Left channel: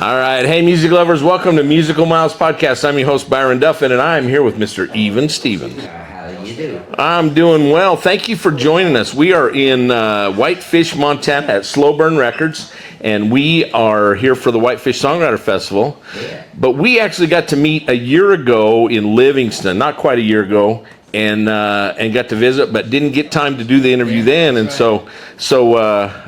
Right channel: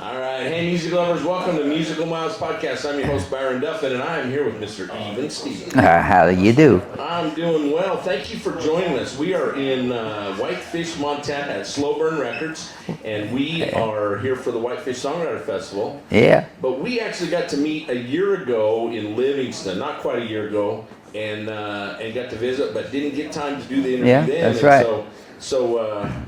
All right. Hey, music lovers, welcome to Musical Miles Podcast. I'm your host, Byron Duffin, and I'm here with Mr. Even Steven. How do you do? I'm doing well. Thank you for joining us. We are in Whitefish, Montana at Slow Burn Records, and we are here for the Whitefish Songwriter Festival. Yeah. But we actually got to meet a year ago in Livingston, not quite a year ago, and got to visit, but didn't get time to do the interview then, and right. so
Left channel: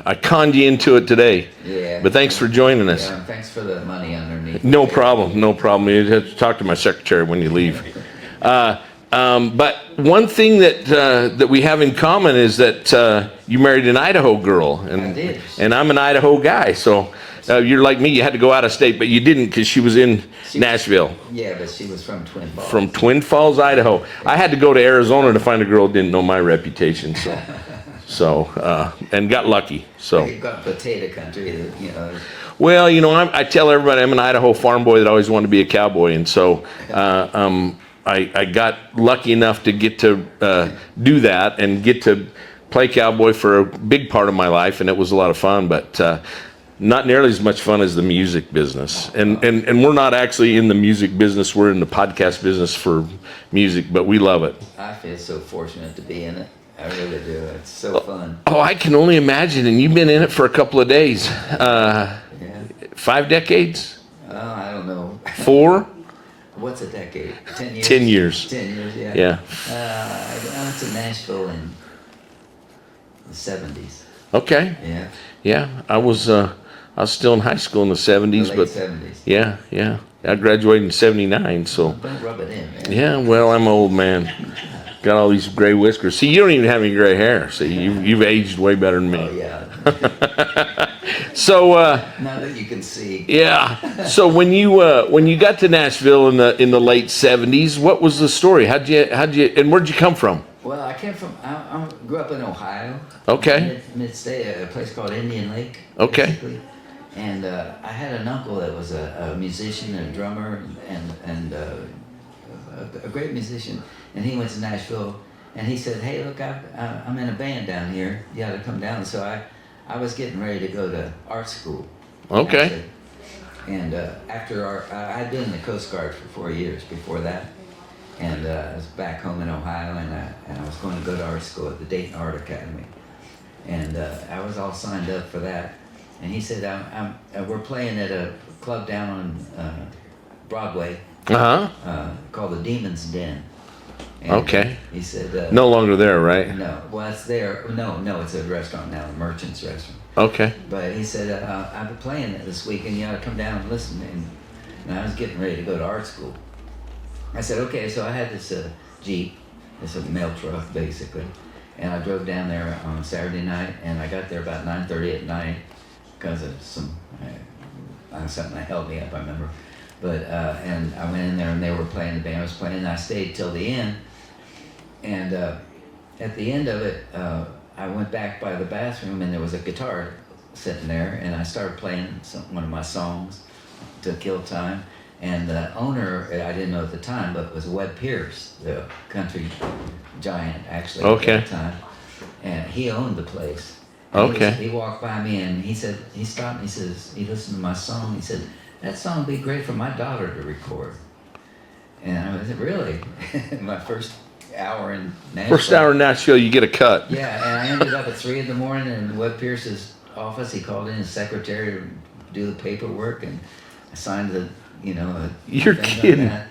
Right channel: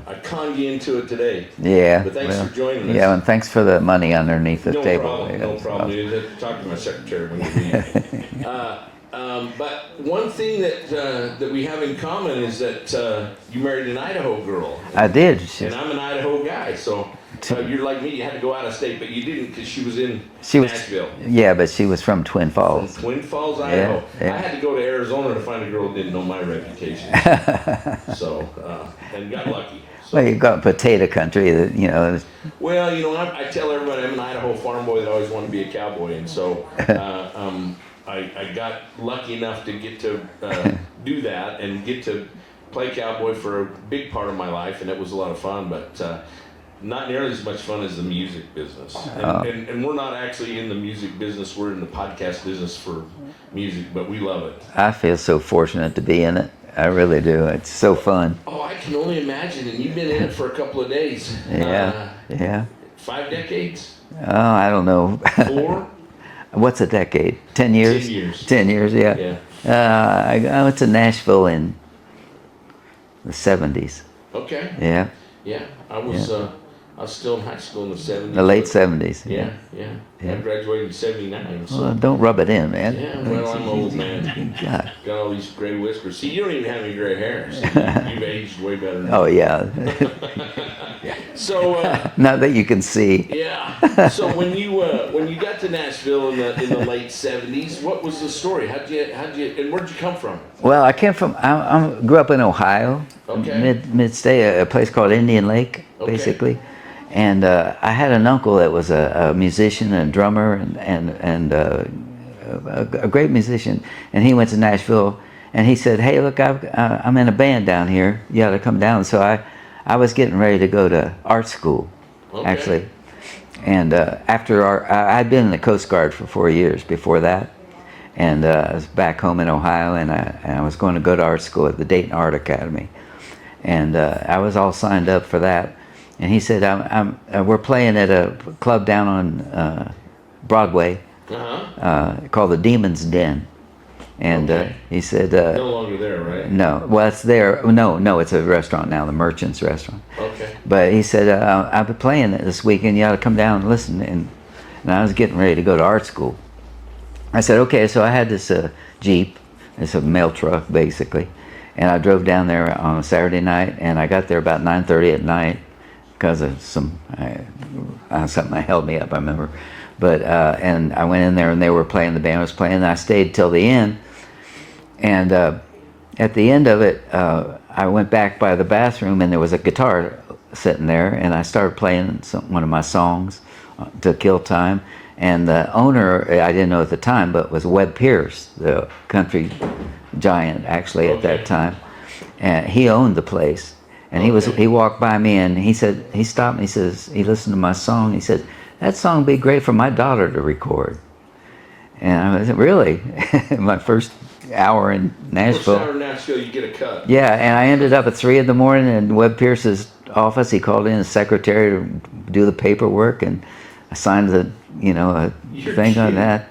I conned you into it today. Yeah. But thanks for joining us. Yeah, and thanks for the money underneath the No table. problem, no problem. You have to talk to my secretary when you leave. But one thing that we have in common is that you married an Idaho girl. I did. And I'm an Idaho guy, so you're like me. You had to go out of state, but you didn't because she was in Nashville. Yeah, but she was from Twin Falls. From Twin Falls, Idaho. Yeah. I had to go to Arizona to find a girl who didn't know my reputation. So, and got lucky. So Well, you got potato country, you know. Well, you know, I tell everybody I'm an Idaho farm boy that always wanted to be a cowboy, and so I got lucky enough to get to do that and get to play cowboy for a big part of my life, and it was a lot of fun, but not nearly as much fun as the music business. And we're not actually in the music business, we're in the podcast business for music, but we love it. I feel so fortunate to be in it. I really do. It's so fun. Oh, I can only imagine, and you've been in it for a couple of days. Yeah. 5 decades? Oh, I don't know. 4? What's a decade? 10 years? 10 years. 10 years, yeah. Yeah. I went to Nashville in the 70s. Okay. Yeah. Yeah. I was still in high school in the 70s. The late 70s. Yeah. I graduated in 79, so. Well, don't rub it in, man. Yeah, well, I'm an old man. God. Got all these gray whiskers. See, you don't even have any gray hair. So you've aged way better than me. Oh, yeah. So. Not that you can see. Yeah. So when you got to Nashville in the late 70s, what was the story? How'd you and where'd you come from? Well, I came from. I grew up in Ohio. Okay. Mid-state, a place called Indian Lake, Okay. basically. And I had an uncle that was a musician and drummer and a great musician. And he went to Nashville, and he said, "Hey, look, I'm in a band down here. You ought to come down." So I was getting ready to go to art school. Okay. Actually. And I'd been in the Coast Guard for 4 years before that. And I was back home in Ohio, and I was going to go to art school at the Dayton Art Academy. And I was all signed up for that. And he said, we're playing at a club down on Broadway called the Demon's Den. And Okay. he said... No longer there, right? No, well, it's there. No, it's a restaurant now, the Merchant's Restaurant. Okay. But he said, I've been playing it this weekend. You ought to come down and listen. And I was getting ready to go to art school. I said, okay. So I had this Jeep. It's a mail truck, basically. And I drove down there on a Saturday night, and I got there about 9:30 at night because of something that held me up, I remember. But and I went in there, and they were playing, the band was playing, and I stayed till the end. And at the end of it, I went back by the bathroom, and there was a guitar sitting there, and I started playing one of my songs to kill time. And the owner, I didn't know at the time, but was Webb Pierce, the country giant, actually, at that time. And he owned the place. And he walked by me, and he said, he stopped me, he says, he listened to my song, he said, "That song would be great for my daughter to record." And I said, "Really?" My first hour in Nashville. First hour in Nashville, you get a cut. Yeah, and I ended up at 3 in the morning in Webb Pierce's office. He called in his secretary to do the paperwork, and I signed the, thing on that.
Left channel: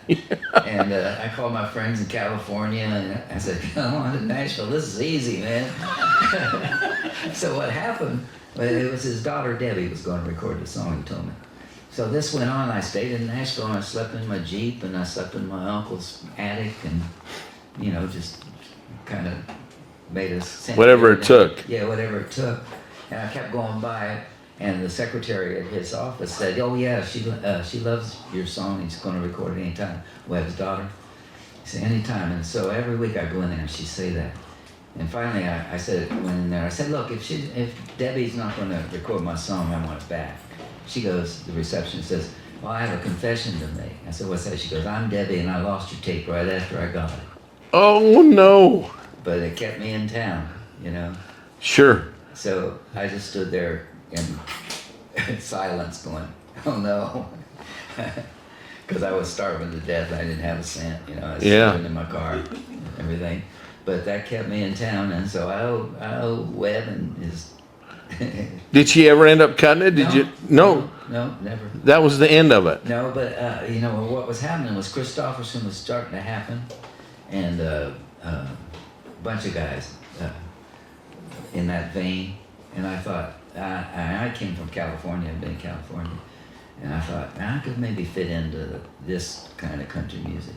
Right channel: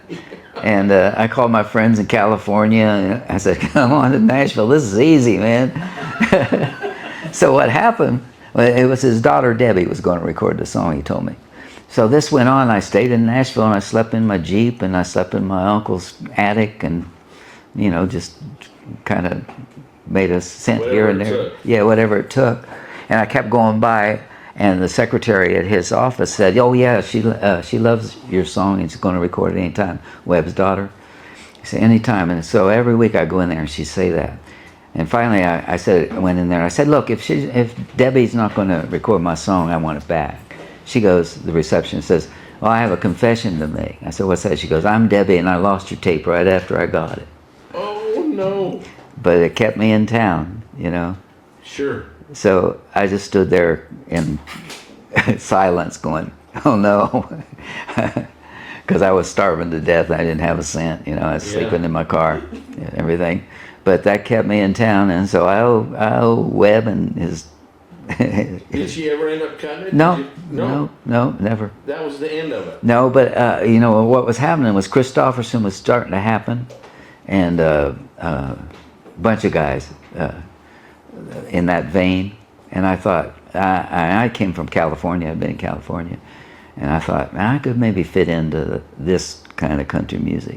And I called my friends in California, and I said, "Come on to Nashville. This is easy, man." So what happened, it was his daughter Debbie was going to record the song, he told me. So this went on. I stayed in Nashville, and I slept in my Jeep, and I slept in my uncle's attic, and, just kind of made a scent. Whatever it took. Yeah, whatever it took. And I kept going by, and the secretary at his office said, "Oh yeah, she loves your song, and she's going to record it anytime." Webb's daughter. He said, "Anytime." And so every week I go in there, and she'd say that. And finally I went in there, and I said, "Look, if Debbie's not going to record my song, I want it back." She goes, the receptionist says, "Well, I have a confession to make." I said, "What's that?" She goes, "I'm Debbie, and I lost your tape right after I got it." Oh no! But it kept me in town, Sure. So I just stood there in silence going, Oh no, because I was starving to death. I didn't have a cent. I was sleeping in my car and everything. But that kept me in town, and so I owe Webb and his. Did she ever end up cutting it? No, Did you? No, never. that was the end of it. No, but what was happening was Christofferson was starting to happen, and a bunch of guys in that vein. And I thought, I came from California. I'd been in California, and I thought I could maybe fit into this kind of country music.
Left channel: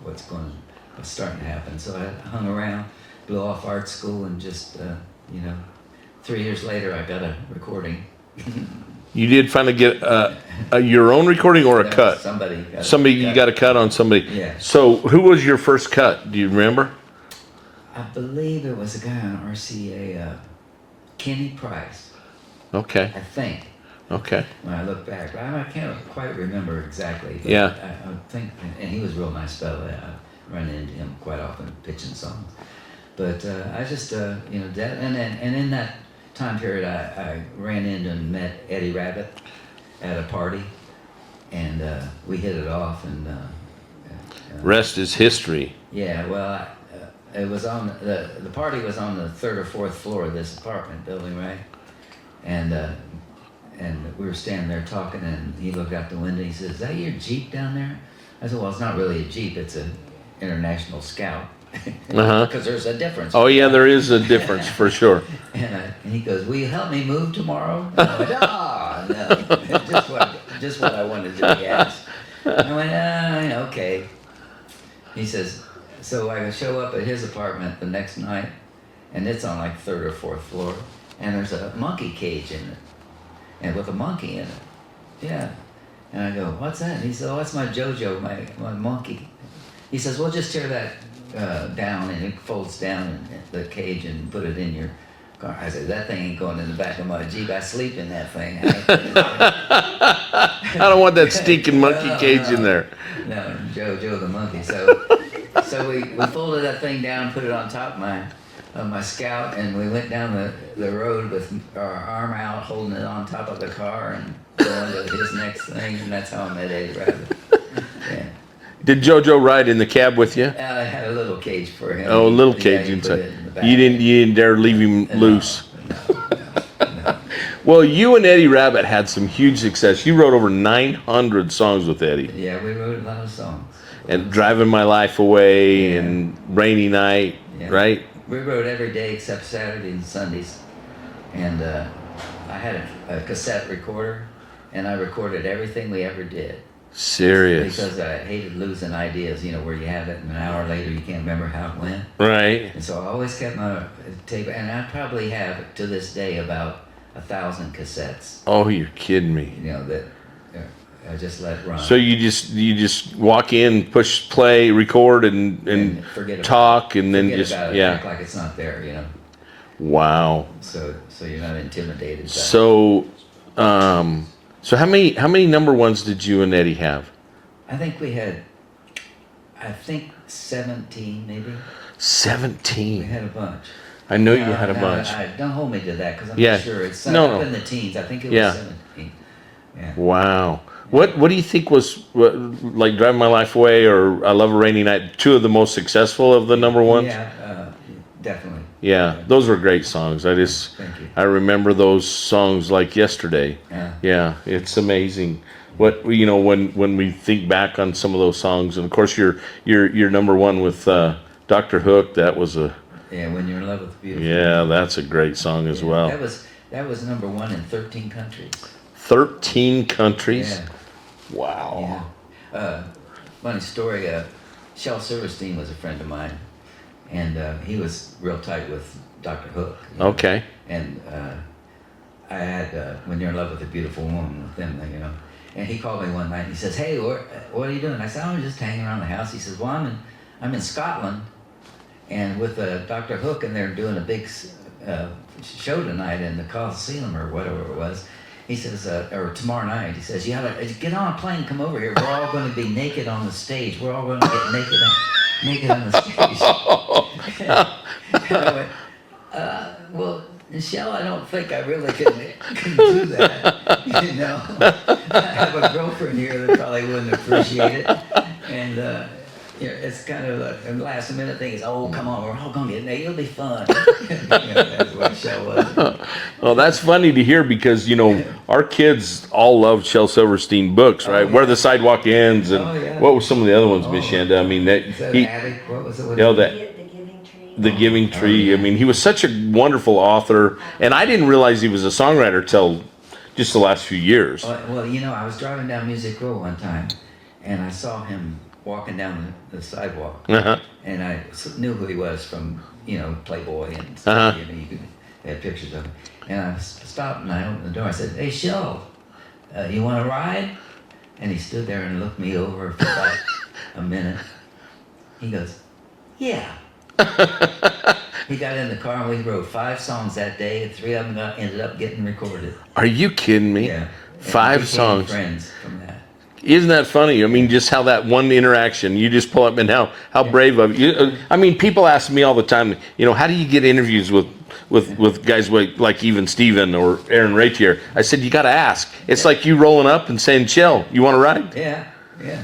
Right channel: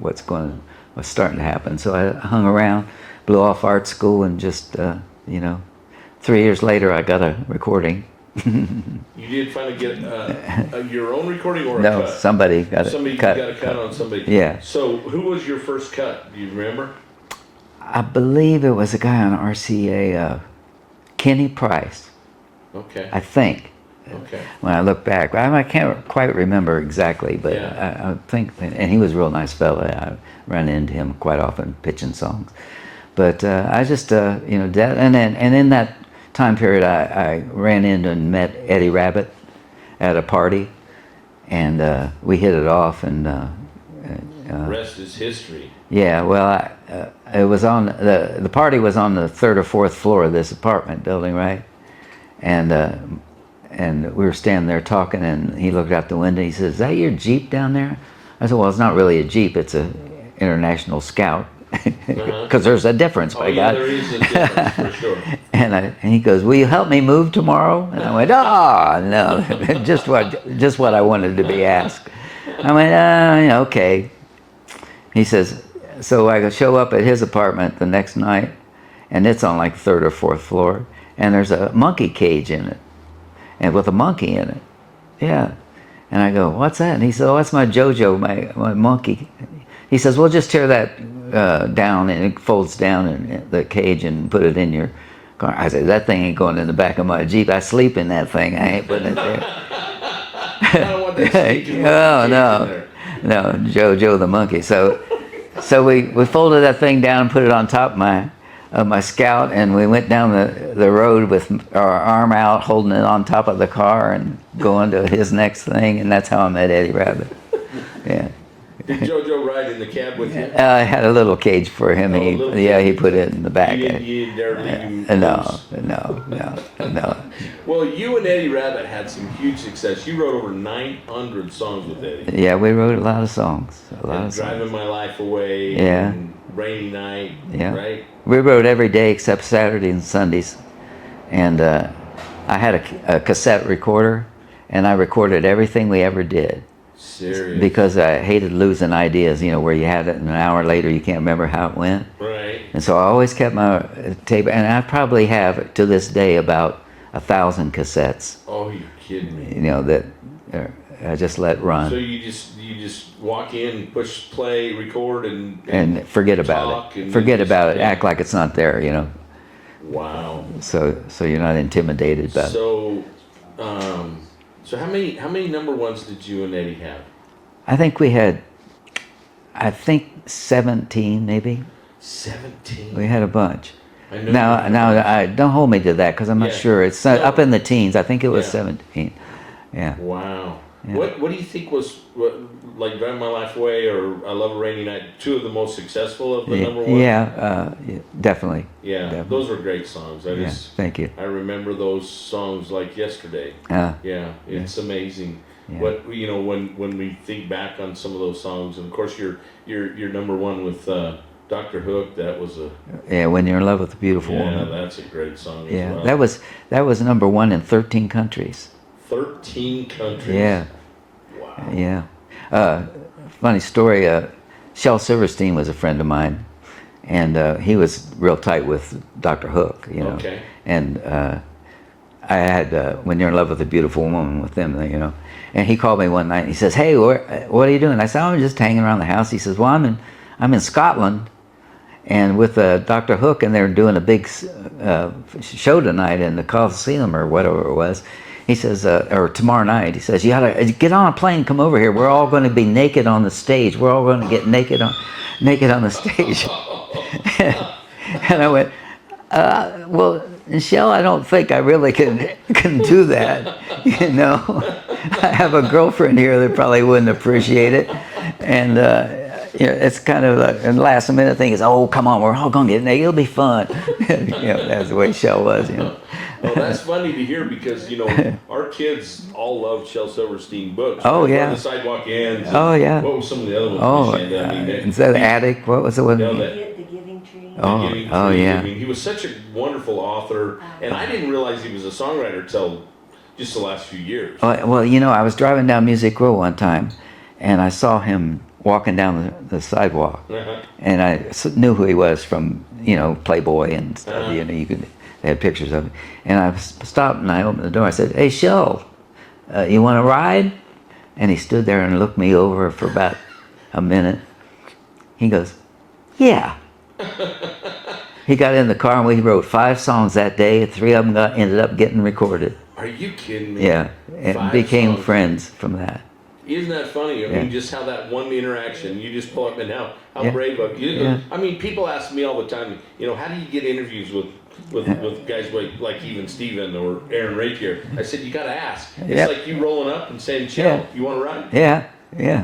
What's starting to happen. So I hung around, blew off art school, and just 3 years later I got a recording. You did finally get your own recording or a No, cut? somebody got Somebody a cut. got a cut on somebody. Yeah. So who was your first cut? Do you remember? I believe it was a guy on RCA, Kenny Price. Okay. I think. Okay. When I look back, I can't quite remember exactly, but Yeah. I think, and he was a real nice fella. I ran into him quite often pitching songs, but I just that, and in that time period, I ran into and met Eddie Rabbitt at a party, and we hit it off, and Rest is history. yeah, well, it was on the party was on the third or fourth floor of this apartment building, right? And we were standing there talking, and he looked out the window. He says, "Is that your Jeep down there?" I said, "Well, it's not really a Jeep. It's a International Scout." Because there's a difference. Oh my yeah, God. there is a difference for sure. And he goes, "Will you help me move tomorrow?" And I went, "Oh no, just what I wanted to be asked." I went, "Okay." He says, so I show up at his apartment the next night, and it's on like third or fourth floor, and there's a monkey cage in it, and with a monkey in it. Yeah. And I go, "What's that?" And he said, "Oh, that's my JoJo, my monkey." He says, "Well, just tear that down, and it folds down in the cage and put it in your car." I said, "That thing ain't going in the back of my Jeep. I sleep in that thing. I ain't putting it there." I don't want that stinking monkey cage in there. No, JoJo the monkey. So we folded that thing down and put it on top of my Scout, and we went down the road with our arm out, holding it on top of the car and going to his next thing, and that's how I met Eddie Rabbitt. Yeah. Did JoJo ride in the cab with you? I had a little cage for him. Oh, a little cage. Yeah, he put it in the back. You didn't dare leave him loose. No. Well, you and Eddie Rabbitt had some huge success. You wrote over 900 songs with Eddie. Yeah, we wrote a lot of songs. And Driving My Life Away Yeah. and Rainy Night, Yeah. right? We wrote every day except Saturday and Sundays. And I had a cassette recorder, and I recorded everything we ever did. Serious. Because I hated losing ideas, where you have it and an hour later you can't remember how it went. Right. And so I always kept my tape, and I probably have to this day about 1,000 cassettes, Oh, you're kidding me. that I just let run. So you just walk in, push play, record, and forget about talk, it. and then Forget just, about it. yeah. Act like it's not there, Wow. So you're not intimidated by it. So how many number ones did you and Eddie have? I think we had 17 maybe. 17. We had a bunch. I know you had a bunch. Don't hold me to that because I'm Yeah. not sure. It's No. up in the teens. I think it was Yeah. 17. Yeah. Wow. What do you think was like Driving My Life Away or I Love a Rainy Night, two of the most successful of the number ones? Yeah, definitely. Yeah, those were great songs. Thank you. I remember those songs like yesterday. Yeah. Yeah, it's amazing. What when we think back on some of those songs, and of course your number one with Dr. Hook, that was a When You're in Love with a Beautiful Woman. that's a great song as Yeah, well. that was number one in 13 countries. 13 countries. Yeah. Wow. Yeah. Funny story. Shel Silverstein was a friend of mine, and he was real tight with Dr. Hook. Okay. And I had When You're in Love with a Beautiful Woman with them, And he called me one night. And he says, "Hey, what are you doing?" I said, "I'm just hanging around the house." He says, "Well, I'm in Scotland, and with Dr. Hook, and they're doing a big show tonight in the Coliseum or whatever it was." He says, or tomorrow night, he says, "You gotta get on a plane, come over here. We're all going to be naked on the stage. We're all going to get naked on the stage." And I went, "Well, And Shel, I don't think I really can do that. You know, I have a girlfriend here that probably wouldn't appreciate it, and it's kind of a last minute thing. Is oh come on, we're all gonna get in there. It'll be fun. That's the way Shel was. Well, that's funny to hear because our kids all love Shel Silverstein books, right? Oh, yeah. Where the Sidewalk Ends. And Oh, yeah. What were some of the other ones, Oh, Miss Shanda? I mean, the Attic. What was the one? The Giving Tree. The Giving Tree. yeah. I mean, he was such a wonderful author, and I didn't realize he was a songwriter till just the last few years. Well, I was driving down Music Row one time, and I saw him walking down the sidewalk, and I knew who he was from Playboy and stuff. They had pictures of him, and I stopped and I opened the door. I said, "Hey, Shel, you want to ride?" And he stood there and looked me over for about a minute. He goes, "Yeah." He got in the car and we wrote 5 songs that day. 3 of them ended up getting recorded. Are you kidding me? Yeah, and 5 became songs. friends from that. Isn't that funny? I mean, just how that one interaction, you just pull up and how brave of you. I mean, people ask me all the time, how do you get interviews with guys like even Steven or Aaron Ratier? I said, you got to ask. It's like you rolling up and saying, Shel, you want to ride? Yeah.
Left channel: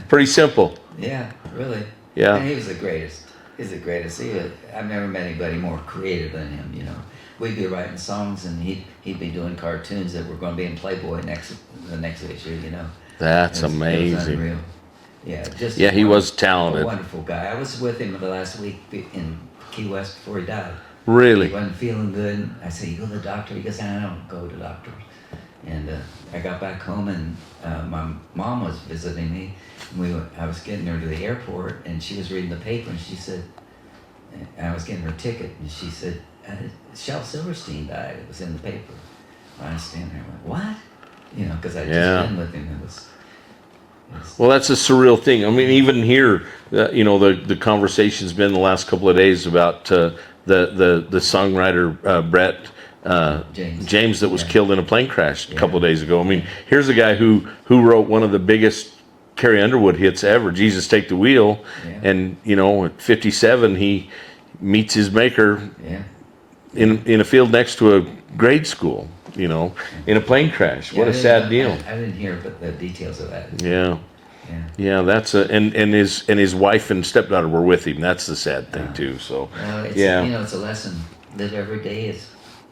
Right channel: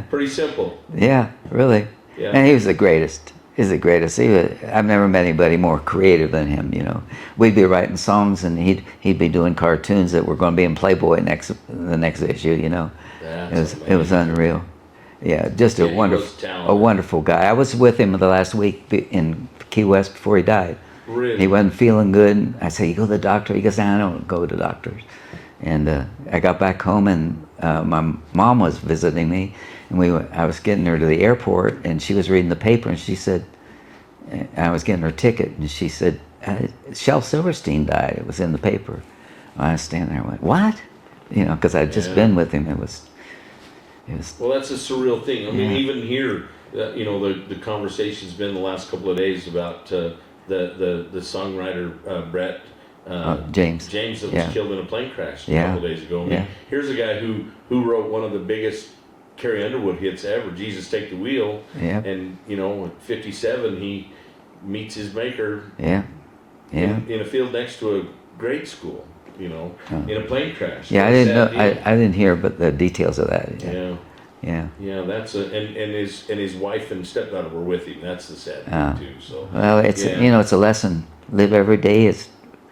Pretty simple. Yeah, really. Yeah. And he was the greatest. He's the greatest. I've never met anybody more creative than him. We'd be writing songs, and he'd be doing cartoons that were going to be in Playboy the next issue. That's amazing. It was unreal. Yeah, just he was talented. A wonderful guy. I was with him the last week in Key West before he died. Really? He wasn't feeling good. I said, "You go to the doctor?" He goes, "I don't go to doctors." And I got back home, and my mom was visiting me. And I was getting her to the airport, and she was reading the paper, and she said, I was getting her ticket, and she said, Shel Silverstein died. It was in the paper. I was standing there and went, what? Because I'd just been with him. It was. Well, that's a surreal thing. I mean, even here, the conversation's been the last couple of days about the songwriter Brett James that was killed in a plane crash a couple of days ago. I mean, here's a guy who wrote one of the biggest Carrie Underwood hits ever, Jesus Take the Wheel, and at 57 he meets his maker in a field next to a grade school, in a plane crash. What a sad deal. I didn't hear but the details of that. Yeah, that's and his wife and stepdaughter were with him. That's the sad thing too. So well, it's it's a lesson. Live every day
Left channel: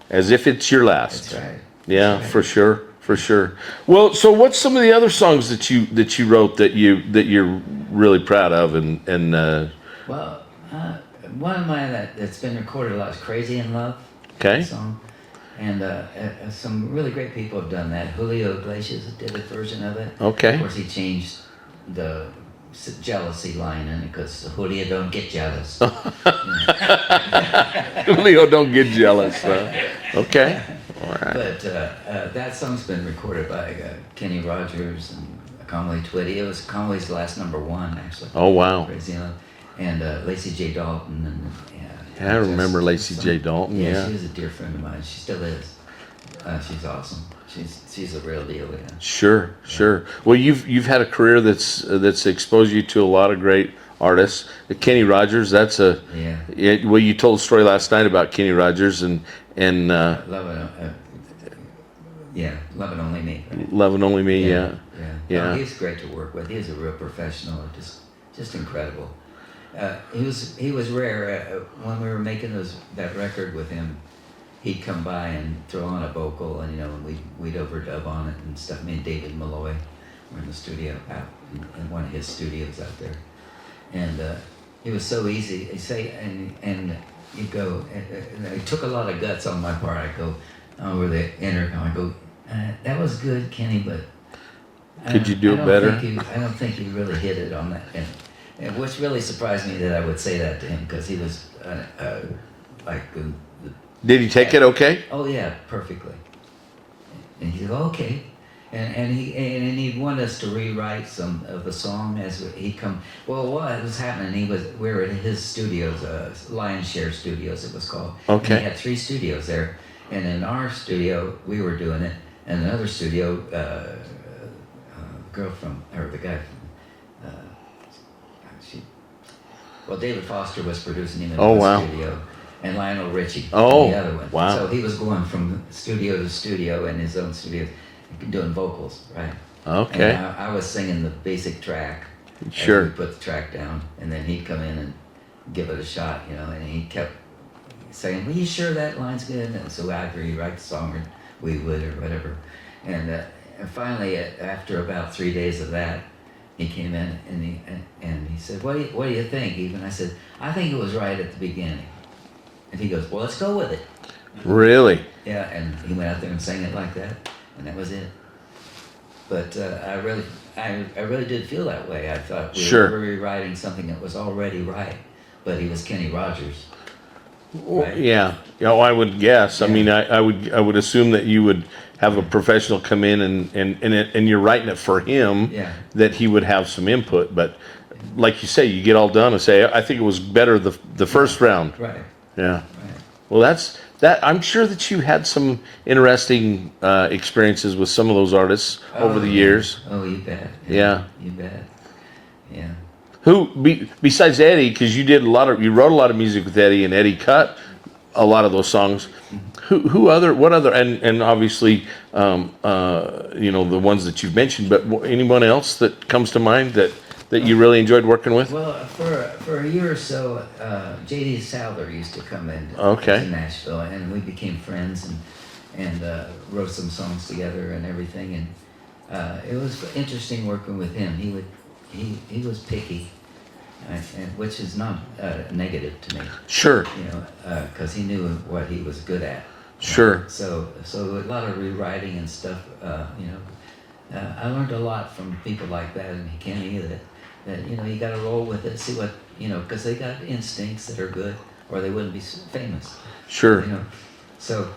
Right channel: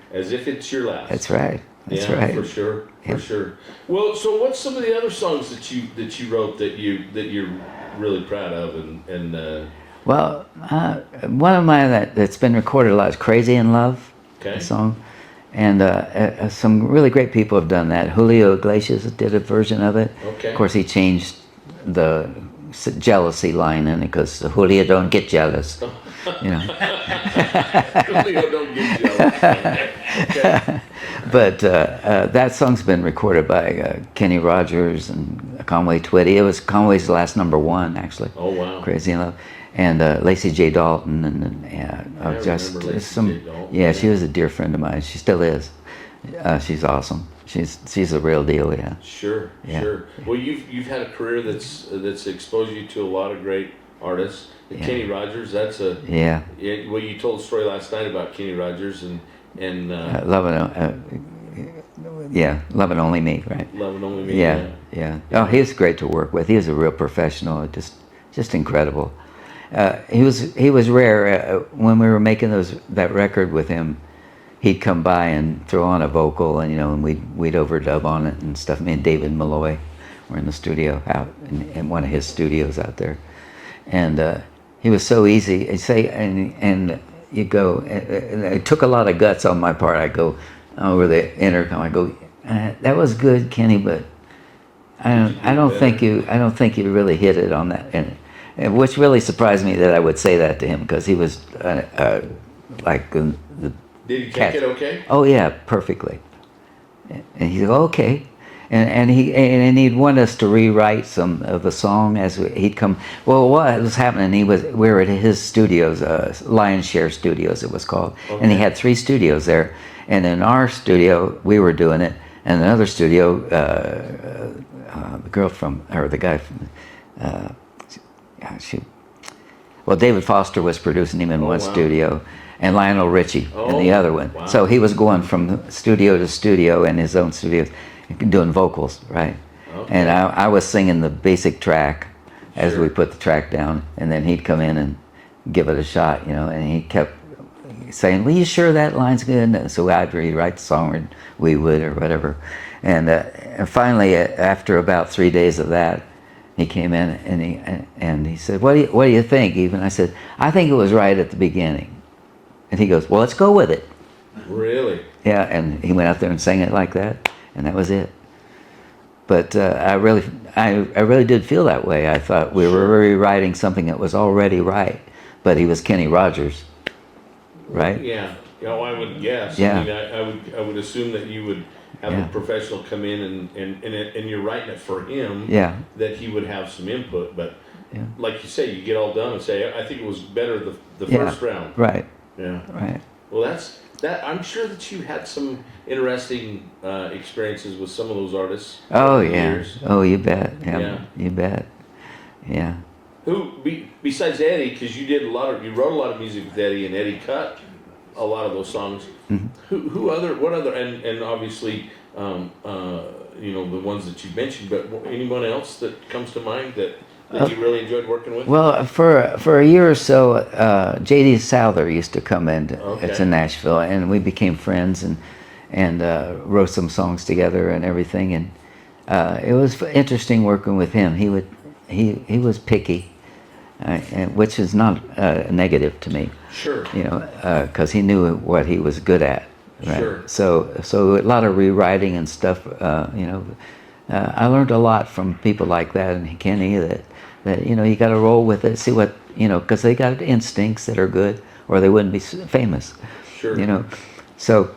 as if it's your last. That's right. Right. For sure. For sure. Well, so what's some of the other songs that you wrote that you're really proud of and Well, one of mine that's been recorded a lot is "Crazy in Love." Okay. Song, and some really great people have done that. Julio Iglesias did a version of it. Okay. Of course, he changed the jealousy line in it because Julio don't get jealous. Julio don't get jealous. Okay. Right. But that song's been recorded by Kenny Rogers and Conway Twitty. It was Conway's last #1, actually. Oh, wow. Crazy in Love. And Lacey J. Dalton. I remember Lacey J. Dalton. Yeah, she was a dear friend of mine. She still is. She's awesome. She's a real deal, yeah. Sure. Well, you've had a career that's exposed you to a lot of great artists. Kenny Rogers, that's a well, you told a story last night about Kenny Rogers and Love and Only Me, right? Love and Only Me, yeah. Oh, he was great to work with. He was a real professional, just incredible. He was rare. When we were making that record with him, he'd come by and throw on a vocal, and we'd overdub on it and stuff. Me and David Malloy were in the studio out in one of his studios out there, and he was so easy. He'd say, and you go. It took a lot of guts on my part. I go over the intercom. I go, that was good, Kenny, but I don't think you really hit it on that. And which really surprised me that I would say that to him, because he was like. Did he take it okay? Oh yeah, perfectly. And he'd go, okay. And he'd want us to rewrite some of the song as he'd come. Well, what was happening? We were at his studios, Lion's Share Studios, it was called. Okay. And he had 3 studios there. And in our studio, we were doing it. And another studio, the guy from, David Foster was producing him in one studio. and Lionel Richie, Oh, and the other one. wow. So he was going from studio to studio in his own studios, doing vocals, right? Okay. And I was singing the basic track as Sure. we put the track down, and then he'd come in and give it a shot, you know, and he kept saying, well, you sure that line's good? And so I'd rewrite the song, or we would, or whatever. And finally, after about 3 days of that, he came in and he said, what do you think, Eve? And I said, I think it was right at the beginning. And he goes, well, let's go with it. Really? Yeah, and he went out there and sang it like that, and that was it. But I really did feel that way. I thought we Sure. were rewriting something that was already right, but he was Kenny Rogers, right? Yeah. Oh, I would guess. I Yeah. mean, I would assume that you would have a professional come in and you're writing it for him. Yeah. That he would have some input, but like you say, you get all done and say, I think it was better the first round. Right, Yeah. right. Well, that. I'm sure that you had some interesting experiences with some of those artists over the years. Oh, you bet. Yeah. You bet. Yeah. Who besides Eddie? Because you wrote a lot of music with Eddie, and Eddie cut a lot of those songs. Mm-hmm. What other, and obviously, the ones that you've mentioned, but anyone else that comes to mind that you really enjoyed working with? Well, for a year or so, J.D. Souther used to come in Okay. to Nashville, and we became friends and wrote some songs together and everything. And it was interesting working with him. He was picky, which is not negative to me. Sure. You know, because he knew what he was good at. Right? Sure. So a lot of rewriting and stuff. I learned a lot from people like that, and Kenny, that you got to roll with it, see what because they got instincts that are good, or they wouldn't be famous. Sure. So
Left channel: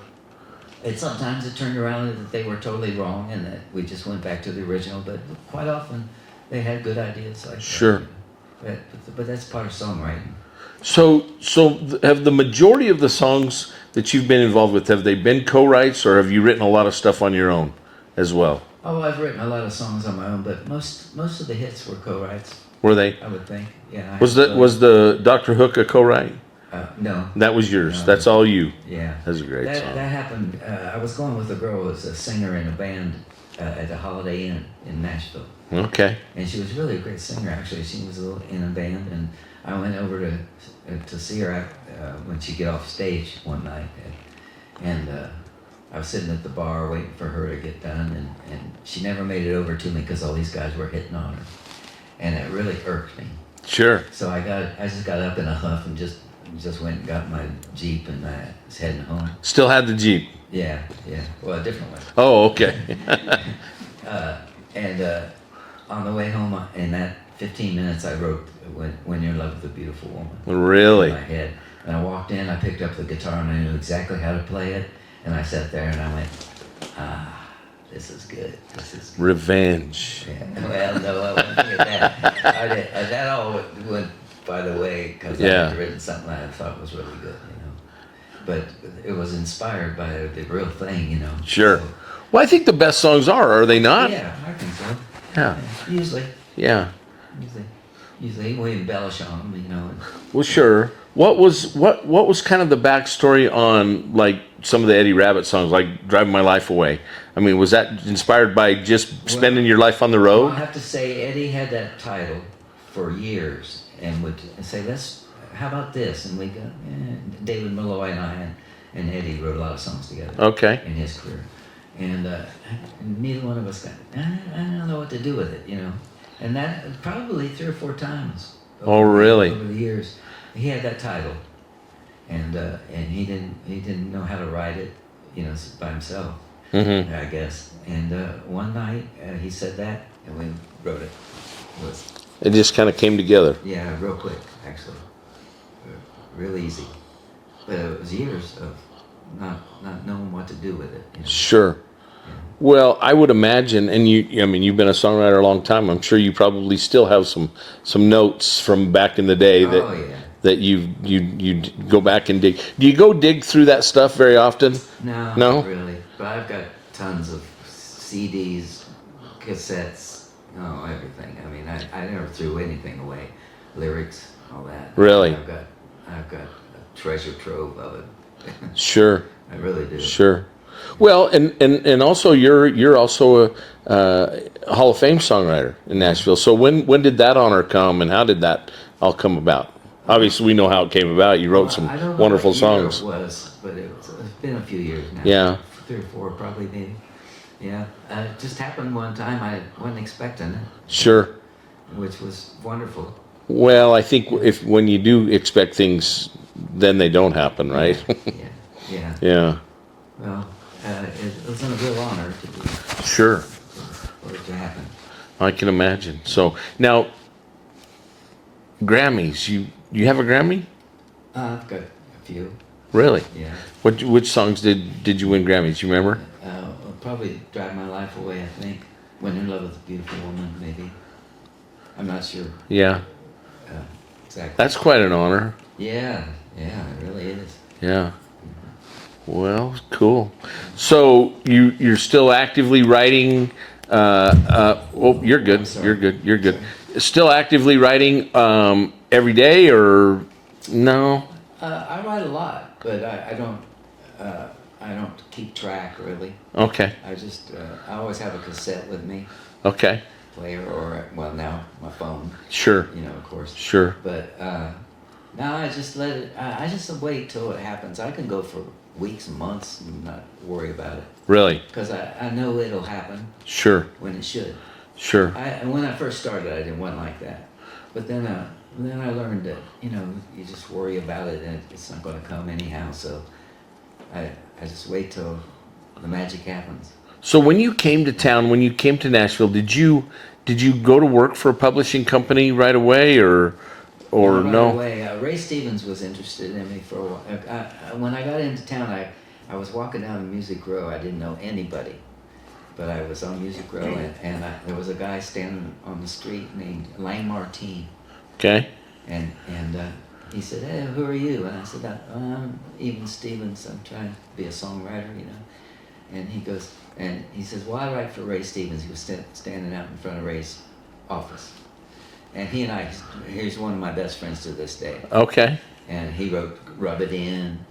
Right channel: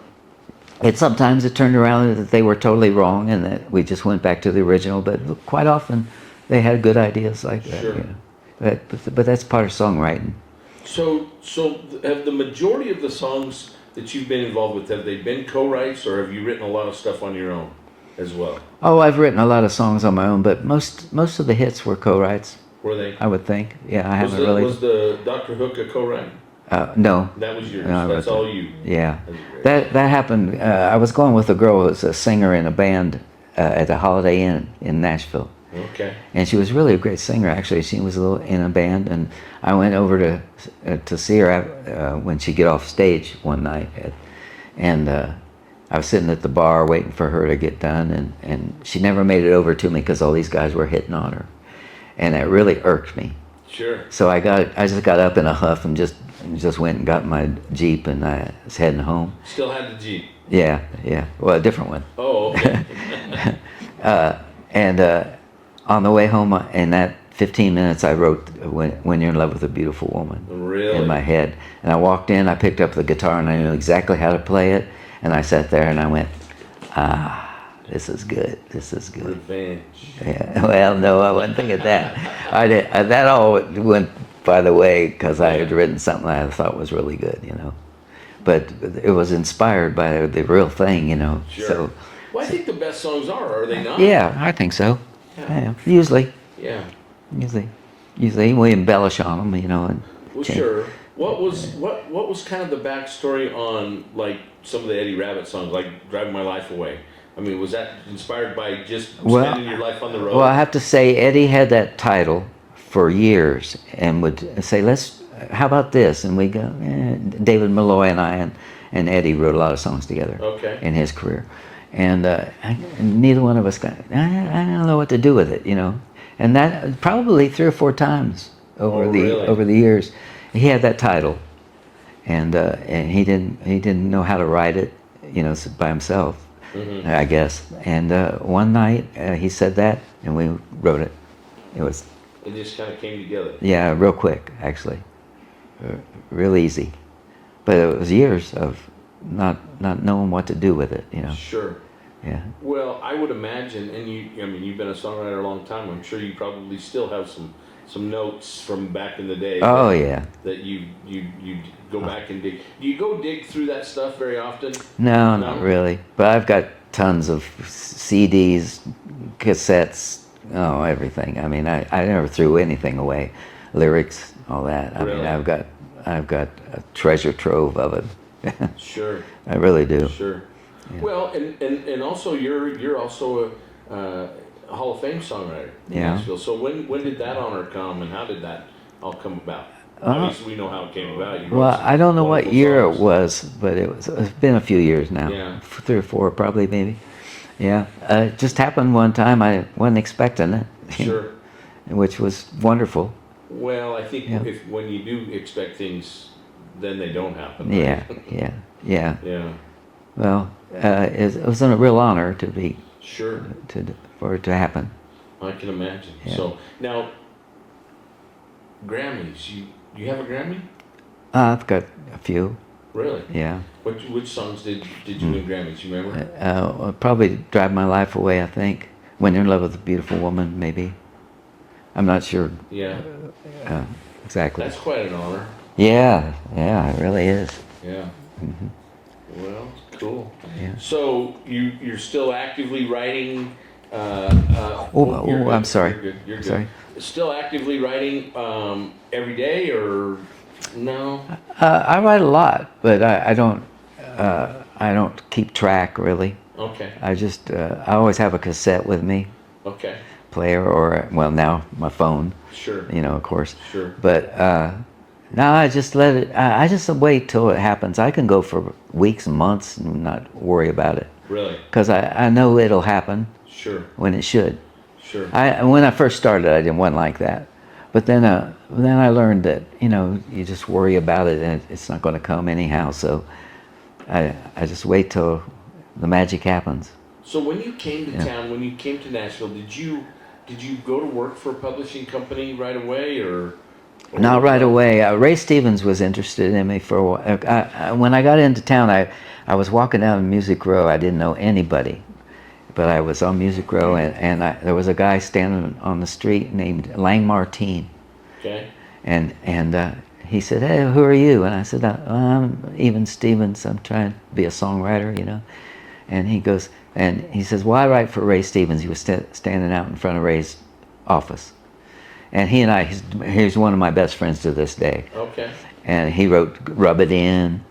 sometimes it turned around that they were totally wrong, and that we just went back to the original. But quite often, they had good ideas like that. Sure. But that's part of songwriting. So have the majority of the songs that you've been involved with, have they been co-writes, or have you written a lot of stuff on your own as well? Oh, I've written a lot of songs on my own, but most of the hits were co-writes, Were they? I would think. Yeah. Was the Dr. Hook a co-write? No. That was yours. No, That's all you. Yeah. That's a great That song. happened. I was going with a girl who was a singer in a band at the Holiday Inn in Nashville. Okay. And she was really a great singer, actually. She was in a band, and I went over to see her when she'd get off stage one night. And I was sitting at the bar waiting for her to get done, and she never made it over to me because all these guys were hitting on her. And it really irked me. Sure. So I just got up in a huff and just went and got my Jeep, and I was heading home. Still had the Jeep. Yeah. Well, a different one. Oh, okay. And on the way home, in that 15 minutes, I wrote "When You're in Love with a Beautiful Woman" Really? in my head. And I walked in, I picked up the guitar, and I knew exactly how to play it. And I sat there and I went, this is good. This is good. Revenge. Yeah. Well, no, I wasn't thinking that. That all went by the way because I had written something I thought was really good, But it was inspired by the real thing, Sure. So, Well, I think the best songs are they not? yeah, I think so. Yeah. Usually. Yeah. Usually we embellish on them, And, Well, sure. What was kind of the backstory on like some of the Eddie Rabbitt songs, like "Driving My Life Away"? I mean, was that inspired by just spending your life on the road? Well, I have to say Eddie had that title for years and would say, how about this? And we go, David Malloy and I and Eddie wrote a lot of songs together. Okay. In his career. And neither one of us I don't know what to do with it, And that probably 3 or 4 times over the years. He had that title, and he didn't know how to write it, by himself, I guess. And one night he said that, and we wrote it. It just kind of came together. Yeah, real quick, actually, real easy. But it was years of not knowing what to do with it, Sure. Yeah. Well, I would imagine, and you've been a songwriter a long time. I'm sure you probably still have some notes from back in the day. That you go back and dig. Do you go dig through that stuff very often? No, not really. But I've got tons of CDs, cassettes, everything. I mean, I never threw anything away. Lyrics, all that. Really? I've got I've got a treasure trove of it. Sure. I really do. Sure. Well, and also you're also a Hall of Fame songwriter in Nashville. So when did that honor come, and how did that all come about? Obviously, we know how it came about. You wrote some I don't know wonderful what year songs. it was, but it's been a few years now. Yeah. 3 or 4 probably, maybe. Yeah. It just happened one time. I wasn't expecting it. Sure. Which was wonderful. Well, I think if when you do expect things, then they don't happen, right? Yeah. Yeah. Well, it was a real honor to be Sure. for it to happen. I can imagine. Yeah. So now, Grammys. You have a Grammy? I've got a few. Really? Yeah. Which songs did you win Grammys? You remember? Probably "Drive My Life Away." I think "When You're in Love with a Beautiful Woman." Maybe. I'm not sure. Yeah. Exactly. That's quite an honor. Yeah. It really is. Yeah. Mm-hmm. Well, cool. Yeah. So you're still actively writing. You're good. I'm sorry. You're good. Sorry. Still actively writing every day, or no? I write a lot, but I don't keep track really. Okay. I always have a cassette with me. Okay. Player, or well, now my phone. Sure. Of course. Sure. But now I just let it. I just wait till it happens. I can go for weeks and months and not worry about it. Really? Because I know it'll happen. Sure. When it should. Sure. When I first started, I didn't want like that. But then I learned that you just worry about it and it's not going to come anyhow. So I just wait till the magic happens. So when you came to town, when you came to Nashville, did you go to work for a publishing company right away, or not right no? away? Ray Stevens was interested in me for a while. When I got into town, I was walking down Music Row. I didn't know anybody, but I was on Music Row, and there was a guy standing on the street named Lang Martine. Okay. And he said, "Hey, who are you?" And I said, "I'm Even Stevens. I'm trying to be a songwriter, And he says, "Well, I write for Ray Stevens." He was standing out in front of Ray's office. And he's one of my best friends to this day. Okay. And he wrote "Rub It In"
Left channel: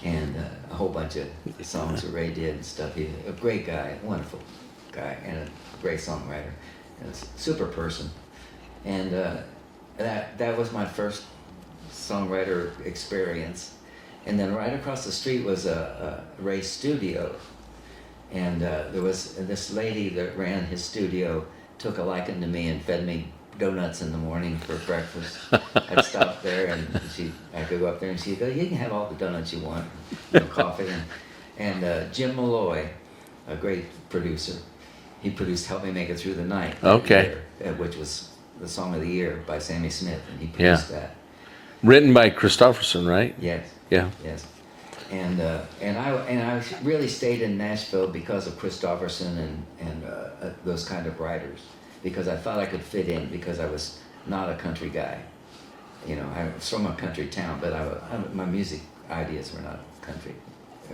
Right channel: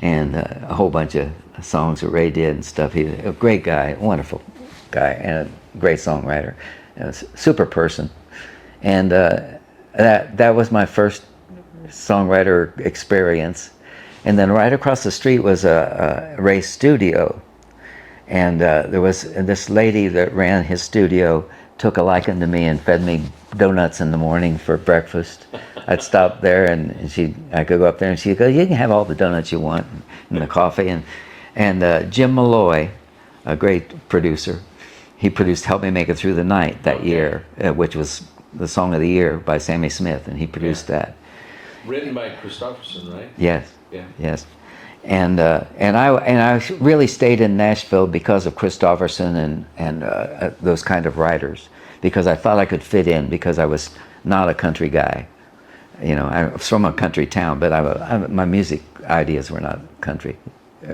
and a whole bunch of songs that Ray did and stuff. He's a great guy, wonderful guy, and a great songwriter, a super person. And that was my first songwriter experience. And then right across the street was a Ray's studio. And there was this lady that ran his studio, took a liking to me and fed me donuts in the morning for breakfast. I'd stop there and I could go up there and she'd go, "You can have all the donuts you want and the coffee." And Jim Malloy, a great producer, he produced "Help Me Make It Through the Night" that year, which was the song of the year by Sammy Smith, and he produced that. Written by Christopherson, right? Yes. Yeah. Yes. And I really stayed in Nashville because of Christopherson and those kind of writers, because I thought I could fit in, because I was not a country guy. I was from a country town, but my music ideas were not country,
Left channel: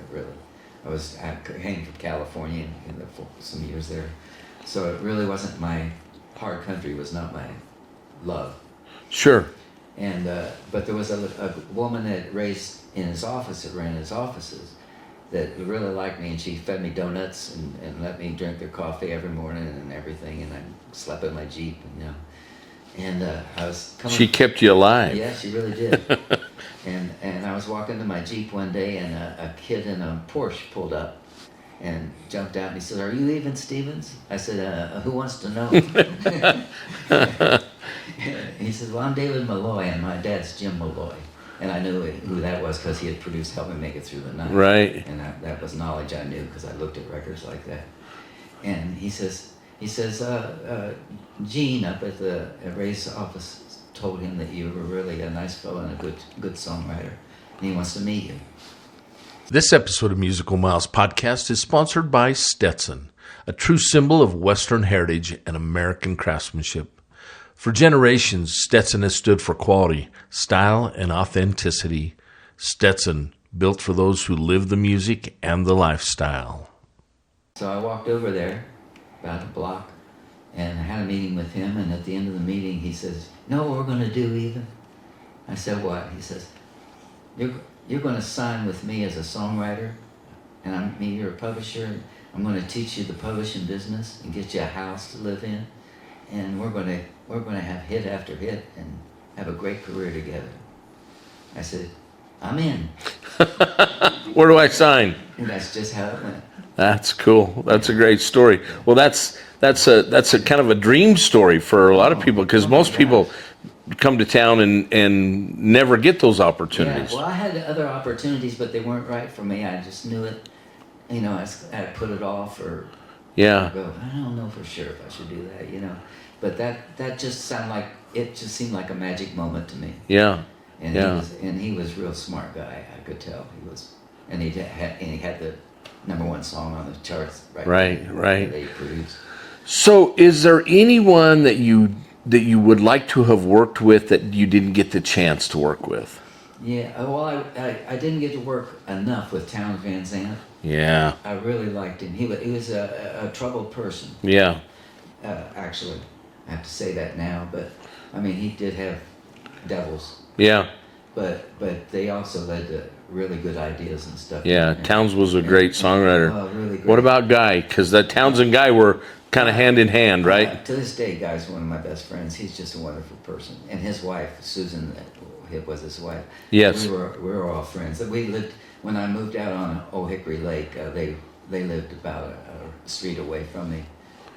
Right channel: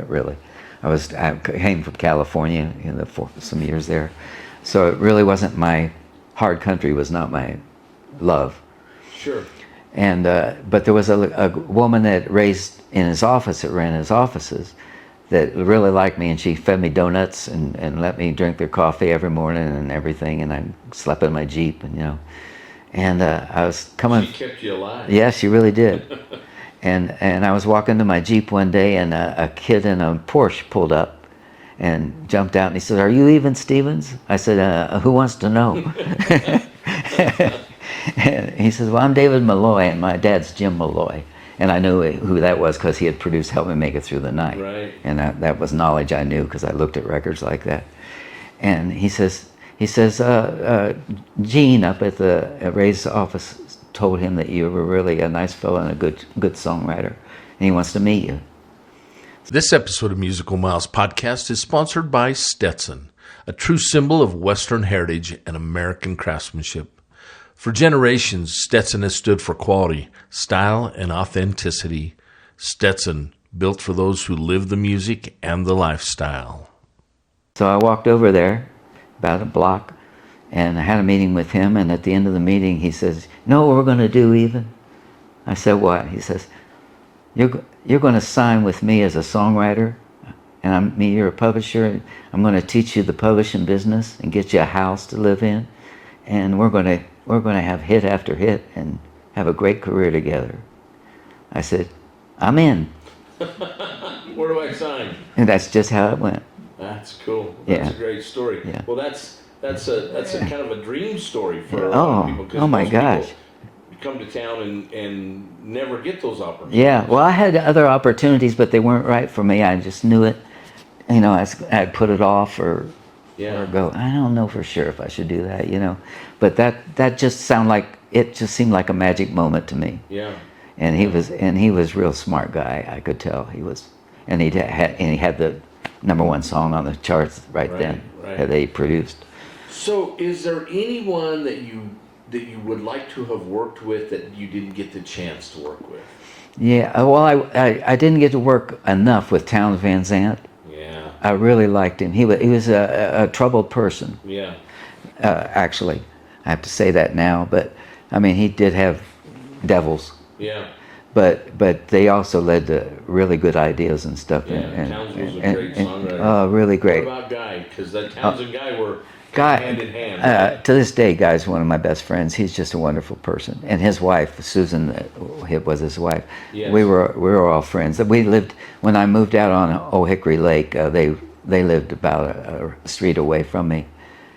really. I came from California for some years there, so it really wasn't hard country was not my love. Sure. And but there was a woman that ran his offices, that really liked me, and she fed me donuts and let me drink their coffee every morning and everything, and I slept in my Jeep, and I was coming. She kept you alive. Yes, she really did. and I was walking to my Jeep one day, and a kid in a Porsche pulled up and jumped out, and he said, "Are you Even Stevens?" I said, "Who wants to know?" And he says, "Well, I'm David Malloy, and my dad's Jim Malloy." And I knew who that was because he had produced "Help Me Make It Through the Night." Right. And that was knowledge I knew because I looked at records like that. And he says, Gene up at Ray's office told him that you were really a nice fellow and a good songwriter, and he wants to meet you. This episode of Musical Miles Podcast is sponsored by Stetson, a true symbol of Western heritage and American craftsmanship. For generations, Stetson has stood for quality, style, and authenticity. Stetson, built for those who live the music and the lifestyle. So I walked over there, about a block, and I had a meeting with him, and at the end of the meeting he says, "You know what we're going to do, Even?" I said, "What?" He says, you're going to sign with me as a songwriter, and you're a publisher. I'm going to teach you the publishing business and get you a house to live in, and we're going to have hit after hit and have a great career together. I said, I'm in. Where do I sign? And that's just how it went. That's cool. That's Yeah. a great story. Yeah. Well, that's a kind of a dream story for a lot of people, because my most people gosh. come to town and never get those opportunities. Yeah, well, I had other opportunities, but they weren't right for me. I just knew it. You know, I'd put it off or go, I don't know for sure if I should do that, you know. But that just seemed like a magic moment to me. Yeah. And Yeah. he was a real smart guy, I could tell. He was, and he had the #1 song on the charts right Right. that he produced. So, is there anyone that you would like to have worked with that you didn't get the chance to work with? Yeah, well, I didn't get to work enough with Townes Van Zandt. Yeah. I really liked him. He was a troubled person. Yeah. Actually, I have to say that now, but I mean, he did have devils. Yeah. But they also led to really good ideas and stuff. Yeah. Townes was a great songwriter. Oh, really great. What about Guy? Because the Townes and Guy were kind of hand in hand, right? To this day, Guy's one of my best friends. He's just a wonderful person. And his wife, Susan, was his wife. Yes. We were all friends. We lived, when I moved out on Old Hickory Lake, they lived about a street away from me.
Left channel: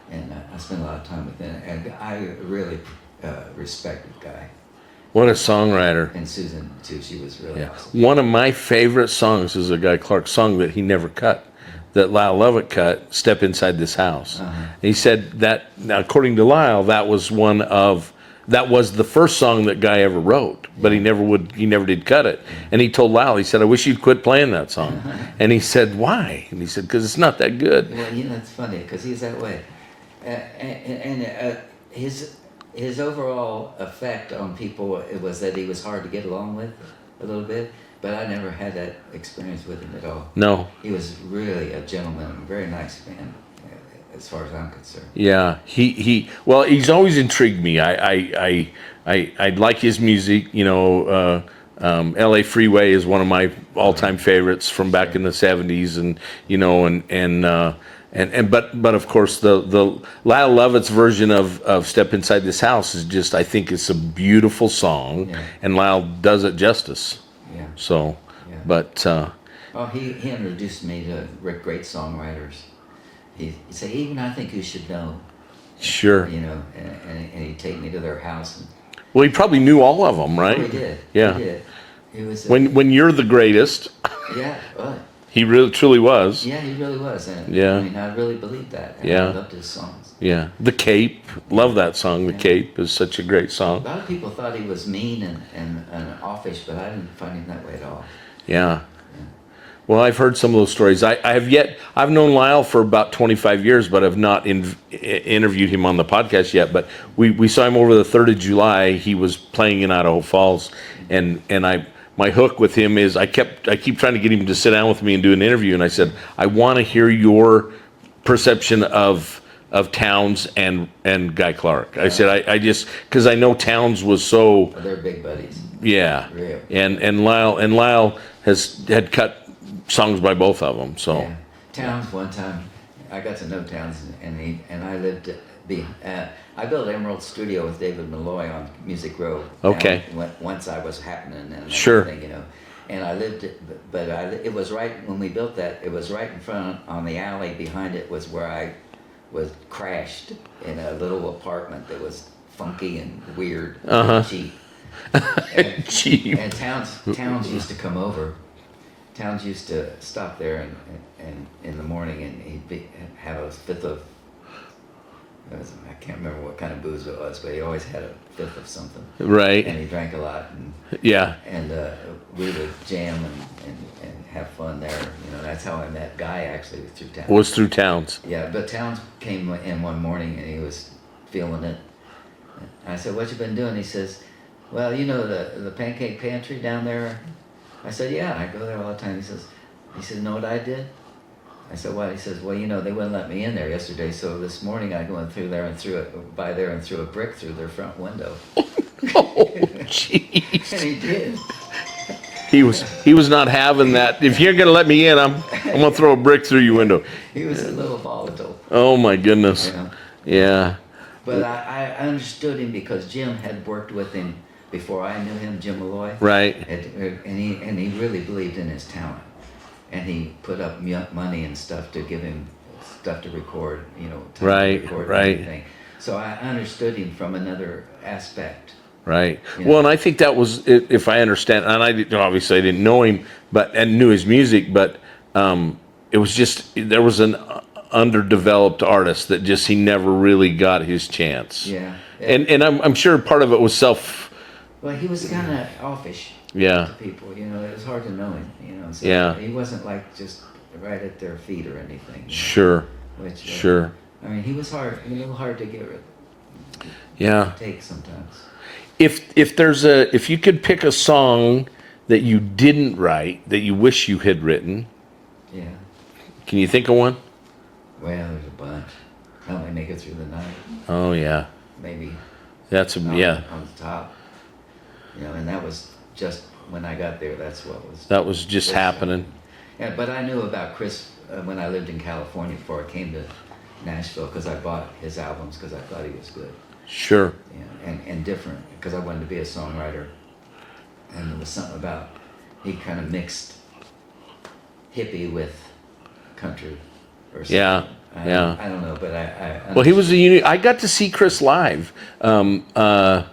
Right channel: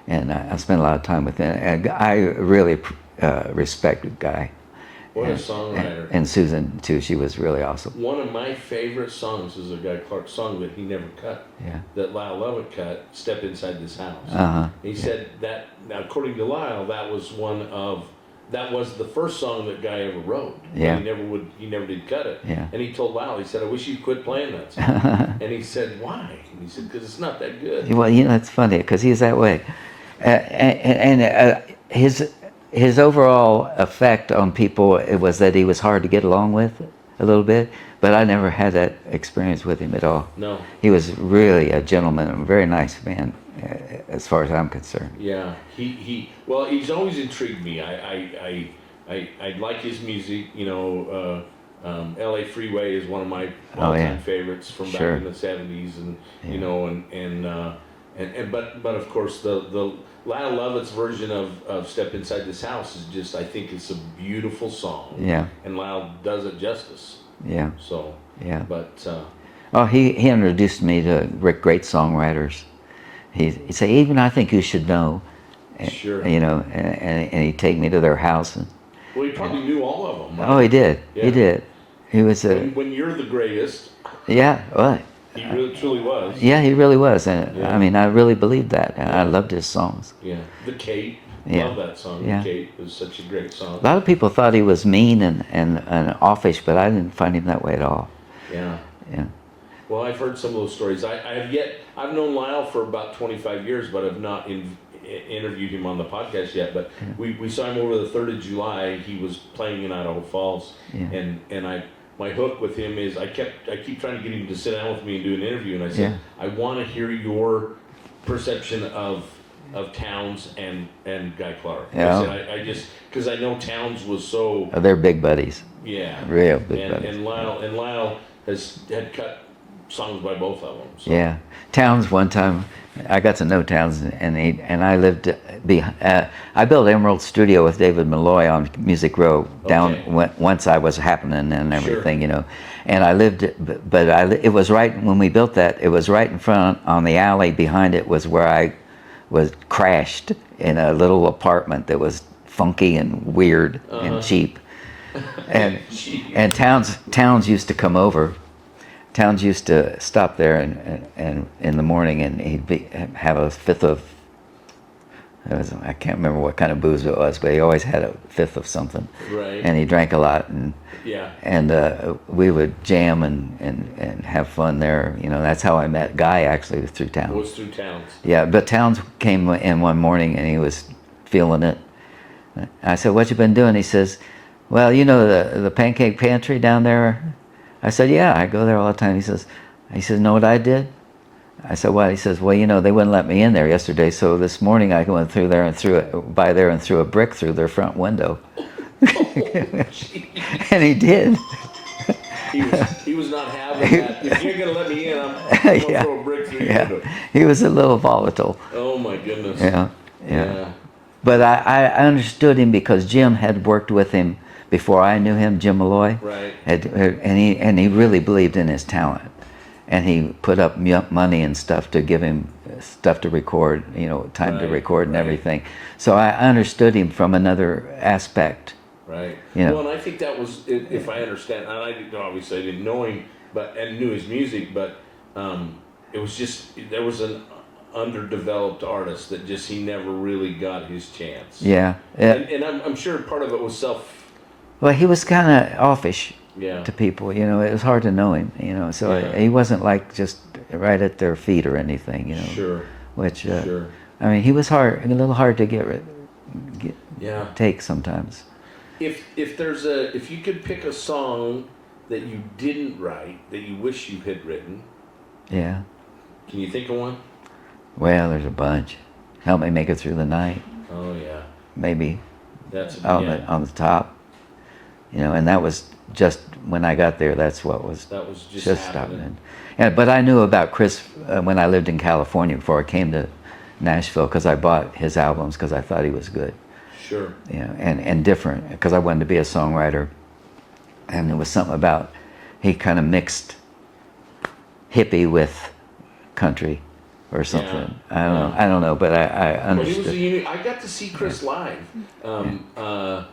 And I spent a lot of time with them. And I really respected Guy. What a songwriter. And Susan, too. She was really awesome. One of my favorite songs is a Guy Clark song that he never cut, that Lyle Lovett cut, Step Inside This House. Uh-huh. He said that, now according to Lyle, that was the first song that Guy ever wrote, but Yeah. he never did cut it. Yeah. And he told Lyle, he said, I wish you'd quit playing that song. And he said, why? And he said, because it's not that good. Well, you know, it's funny because he's that way. His overall effect on people was that he was hard to get along with a little bit, but I never had that experience with him at all. No. He was really a gentleman, a very nice man, as far as I'm concerned. Yeah, well, he's always intrigued me. I like his music. You know, L.A. Freeway is one of my all-time favorites from back in the '70s, and you know, but of course the Lyle Lovett's version of Step Inside This House is just, I think it's a beautiful song. Yeah. And Lyle does it justice. Yeah. So. Yeah. But. He introduced me to great songwriters. He'd say, even I think you should know. Sure. You know, and he'd take me to their house. And, Well, he probably knew all of them, right? oh, he did. Yeah. He did. He was. When you're the greatest. Yeah. Well. He really truly was. Yeah, he really was. And Yeah. I mean, I really believed that. Yeah. I loved his songs. Yeah. The Cape. Love that song. Yeah. The Cape is such a great song. A lot of people thought he was mean and offish, but I didn't find him that way at all. Yeah. Yeah. Well, I've heard some of those stories. I've known Lyle for about 25 years, but have not interviewed him on the podcast yet. But we saw him over the 3rd of July. He was playing in Idaho Falls, and my hook with him is I keep trying to get him to sit down with me and do an interview, and I said, I want to hear your perception of Townes and Guy Clark. Yeah. I said I just, because I know Townes was so They're big buddies. yeah, Real big and Lyle had cut songs by both of them. So Yeah. Townes, one time, I got to know Townes, and I lived. I built Emerald Studio with David Malloy on Music Row. Okay. Once I was happening and Sure. everything, you know. And I lived, it was right when we built that. It was right in front on the alley behind it was where I was crashed in a little apartment that was funky and weird and cheap. And Cheap. and Townes used to come over. Townes used to stop there and in the morning, and he'd have a fifth of. I can't remember what kind of booze it was, but he always had a fifth of something. Right. And he drank a lot, and Yeah. we would jam and have fun there. You know, that's how I met Guy, actually, was through Townes. Was through Townes. Yeah, but Townes came in one morning and he was feeling it. I said, "What you been doing?" He says, "Well, you know the Pancake Pantry down there." I said, "Yeah, I go there all the time." He says, "Know what I did?" I said, "What?" He says, "Well, you know, they wouldn't let me in there yesterday, so this morning I went through there and threw a brick through their front window." Oh, jeez. And he did. he was not having that. If you're going to let me in, I'm going to throw a brick through your window. He was a little volatile. Oh my goodness. Yeah. But I understood him because Jim had worked with him before I knew him, Jim Malloy. Right. And he really believed in his talent. And he put up money and stuff to give him stuff to record, time to record and everything. So I understood him from another aspect. Right. Well, and I think that was, if I understand, and I didn't know him, and knew his music, but it was just, there was an underdeveloped artist that just, he never really got his chance. Yeah. And I'm sure part of it was Well, he was kind of offish. Yeah. To people, it was hard to know him, so he wasn't like just right at their feet or anything. Sure. Which, sure. I mean, he was a little hard to take sometimes. If you could pick a song that you didn't write that you wish you had written, yeah. Can you think of one? Well, there's a bunch. Help Me Make It Through the Night. Oh yeah. Maybe. That's on the top. And that was just when I got there. That was just happening. Yeah, but I knew about Chris when I lived in California before I came to Nashville, because I bought his albums because I thought he was good. Sure. And different, because I wanted to be a songwriter, and there was something about he kind of mixed hippie with country or something. Yeah. I don't know, but I understood. Well, he was I got to see Chris live a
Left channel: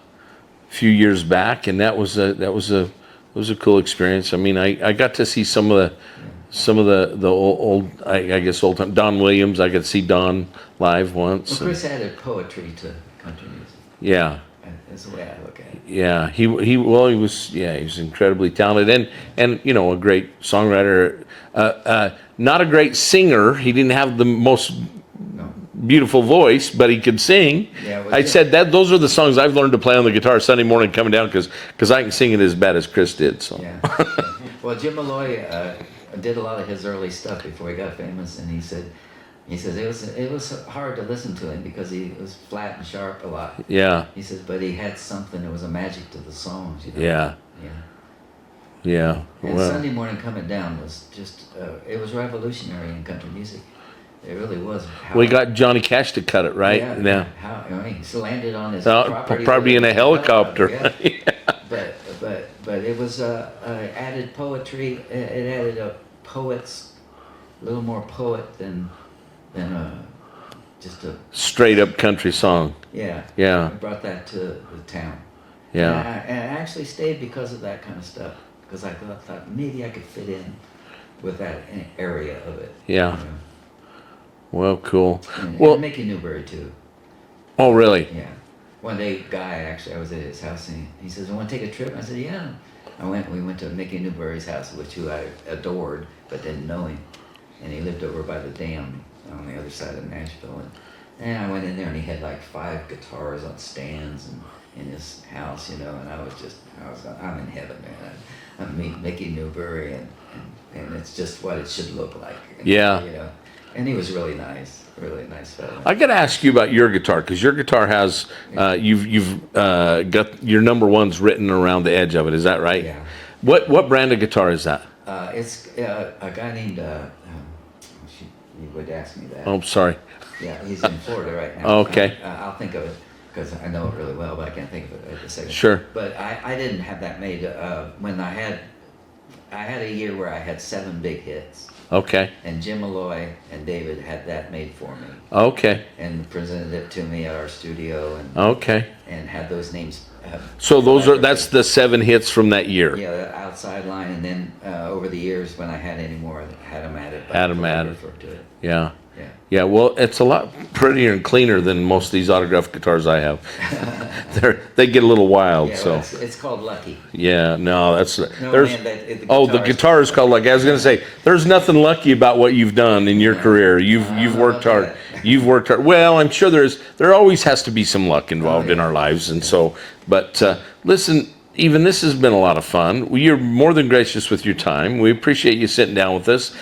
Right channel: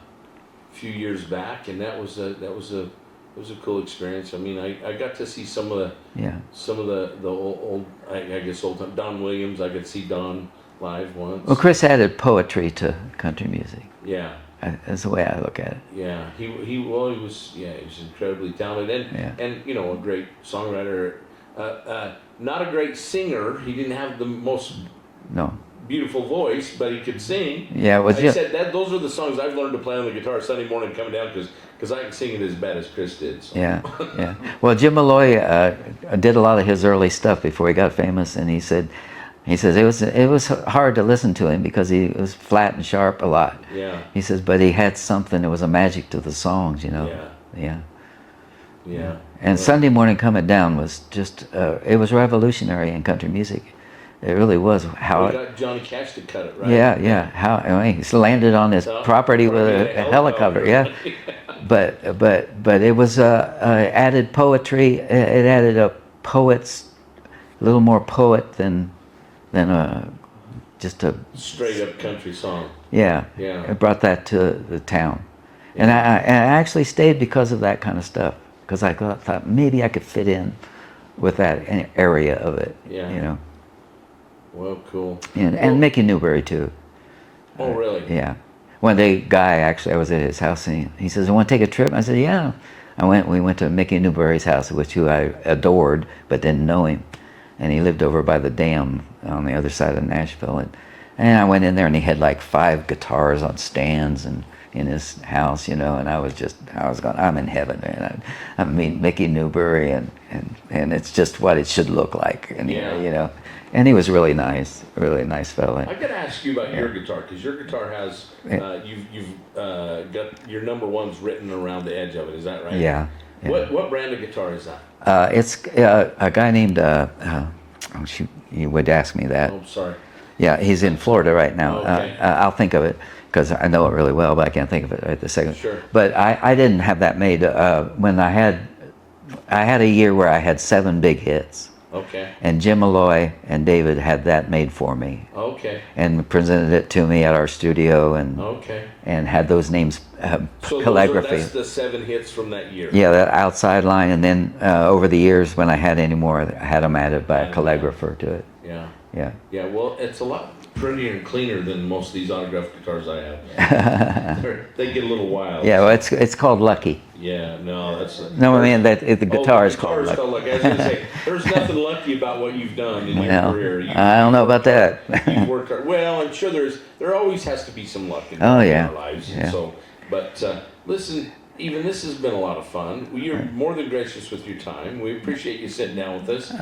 few years back, and that was a cool experience. I mean, I got to see some of the old I guess old time Don Williams. I got to see Don live once. Well, Chris added poetry to country music. Yeah. That's the way I look at it. Yeah, he was incredibly talented and a great songwriter. Not a great singer. He didn't have the most beautiful voice, but he could sing. Yeah, I said that those are the songs I've learned to play on the guitar Sunday morning coming down because I can sing it as bad as Chris did. So. Yeah. Well, Jim Malloy did a lot of his early stuff before he got famous, and he says it was hard to listen to him because he was flat and sharp a lot. Yeah. He says, but he had something. There was a magic to the songs, Yeah. Yeah. Yeah. And Sunday Morning Coming Down was just it was revolutionary in country music. It really was. We got Johnny Cash to cut it, right? Yeah. He landed on his property probably with in a helicopter. Yeah. But it was added poetry. It added a little more poet than just a straight up country song. Yeah. Yeah. It brought that to the town. Yeah. And I actually stayed because of that kind of stuff, because I thought maybe I could fit in with that area of it. Yeah. Well, cool. And Mickey Newbury too. Oh, really? Yeah. One day, I was at his house, and he says, "I want to take a trip." I said, "Yeah." We went to Mickey Newbury's house, who I adored but didn't know him, and he lived over by the dam on the other side of Nashville, and I went in there, and he had like 5 guitars on stands and in his house, and I was going, I'm in heaven, man. I mean Mickey Newbury, and it's just what it should look like. And, and he was really nice fella. I got to ask you about your guitar, because your guitar has you've got your number ones written around the edge of it. Is that right? Yeah. What brand of guitar is that? It's a guy named. You would ask me that. Oh, sorry. Yeah, he's in Florida right now. Okay. I'll think of it, because I know it really well, but I can't think of it at the second. Sure. But I didn't have that made when I had a year where I had 7 big hits. Okay. And Jim Malloy and David had that made for me. Okay. And presented it to me at our studio, and had those names. So that's the 7 hits from that year. Yeah, that outside line, and then over the years, when I had any more, I had them added by a calligrapher to it. Yeah. Yeah. Yeah. Well, it's a lot prettier and cleaner than most of these autographed guitars I have. They get a little wild. Yeah. Well, it's called Lucky. Yeah. No, that's no. I mean the guitar. Oh, the guitar is called Lucky. I was going to say, there's nothing lucky about what you've done in your career. I don't know worked about hard. You've worked hard. Well, I'm sure there always has to be some luck involved in our lives, and so. But listen. Even this has been a lot of fun. You're more than gracious with your time. We appreciate you sitting down with us.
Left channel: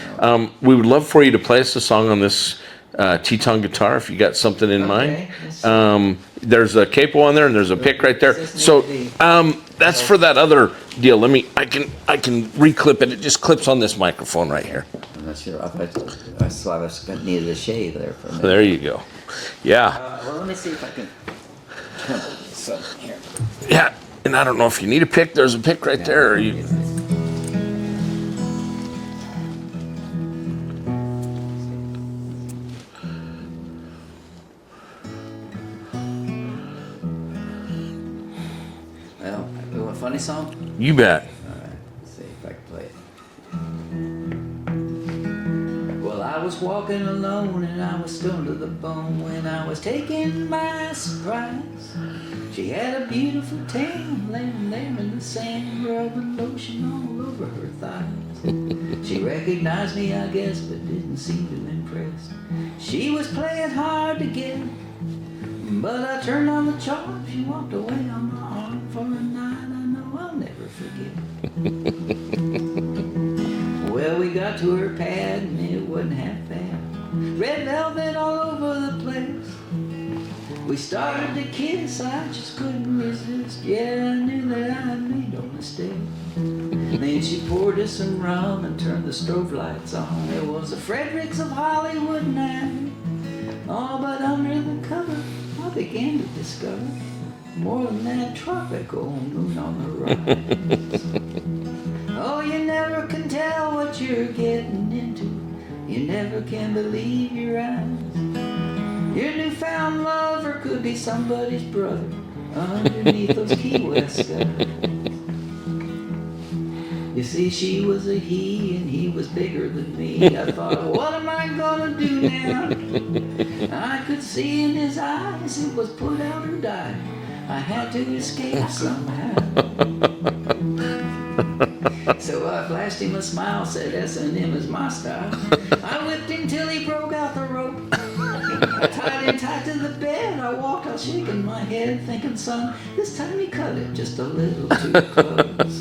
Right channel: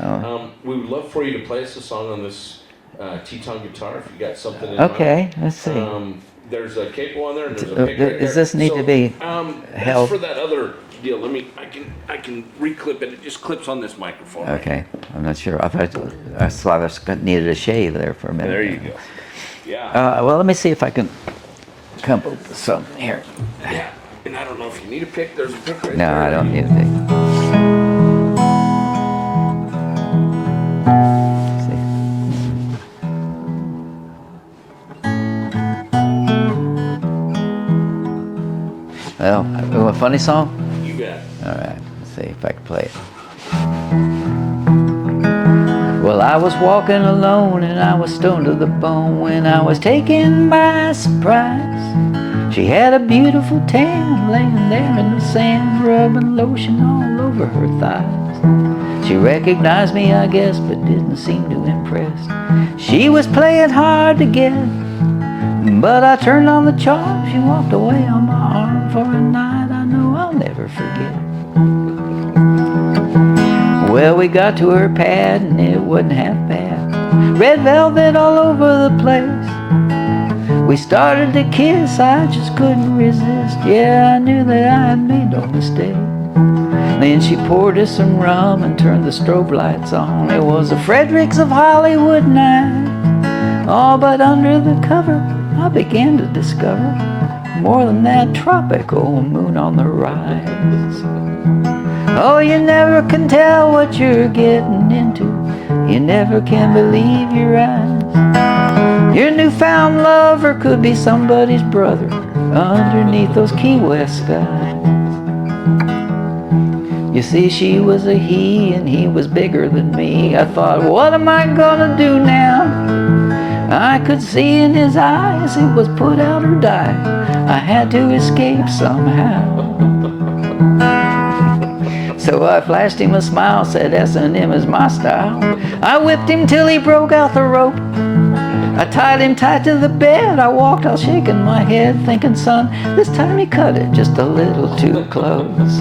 We would love for you to play us a song on this Teton guitar if you got something in Okay, mind. let's see. There's a capo on there and there's a pick right there. Does this need So to be that's held? for that other deal. I can reclip it. It just clips on this microphone right Okay, here. I'm not sure. I thought I needed a shave there for a minute. There you go. Yeah. Well, let me see if I can come up with some here. Yeah. And I don't know if you need a pick. There's a pick right No, there. I don't need a pick. Well, a funny song? You bet. All right, let's see if I can play it. Well, I was walking alone and I was stoned to the bone when I was taken by surprise. She had a beautiful tan laying there in the sand, rubbing lotion all over her thighs. She recognized me, I guess, but didn't seem too impressed. She was playing hard to get, but I turned on the charm. She walked away on my arm for a night I know I'll never forget. Well, we got to her pad and it wasn't half bad. Red velvet all over the place. We started to kiss, I just couldn't resist. Yeah, I knew that I had made no mistake. Then she poured us some rum and turned the strobe lights on. It was a Fredericks of Hollywood night. Oh, but under the cover I began to discover more than that tropical moon on the rise. Oh, you never can tell what you're getting into. You never can believe your eyes. Your newfound lover could be somebody's brother underneath those Key West skies. You see, she was a he and he was bigger than me. I thought, what am I gonna do now? I could see in his eyes it was put out or die. I had to escape somehow. So I flashed him a smile, said S&M is my style. I whipped him till he broke out the rope. I tied him tight to the bed. I walked all shaking my head, thinking, son, this time he cut it just a little too close.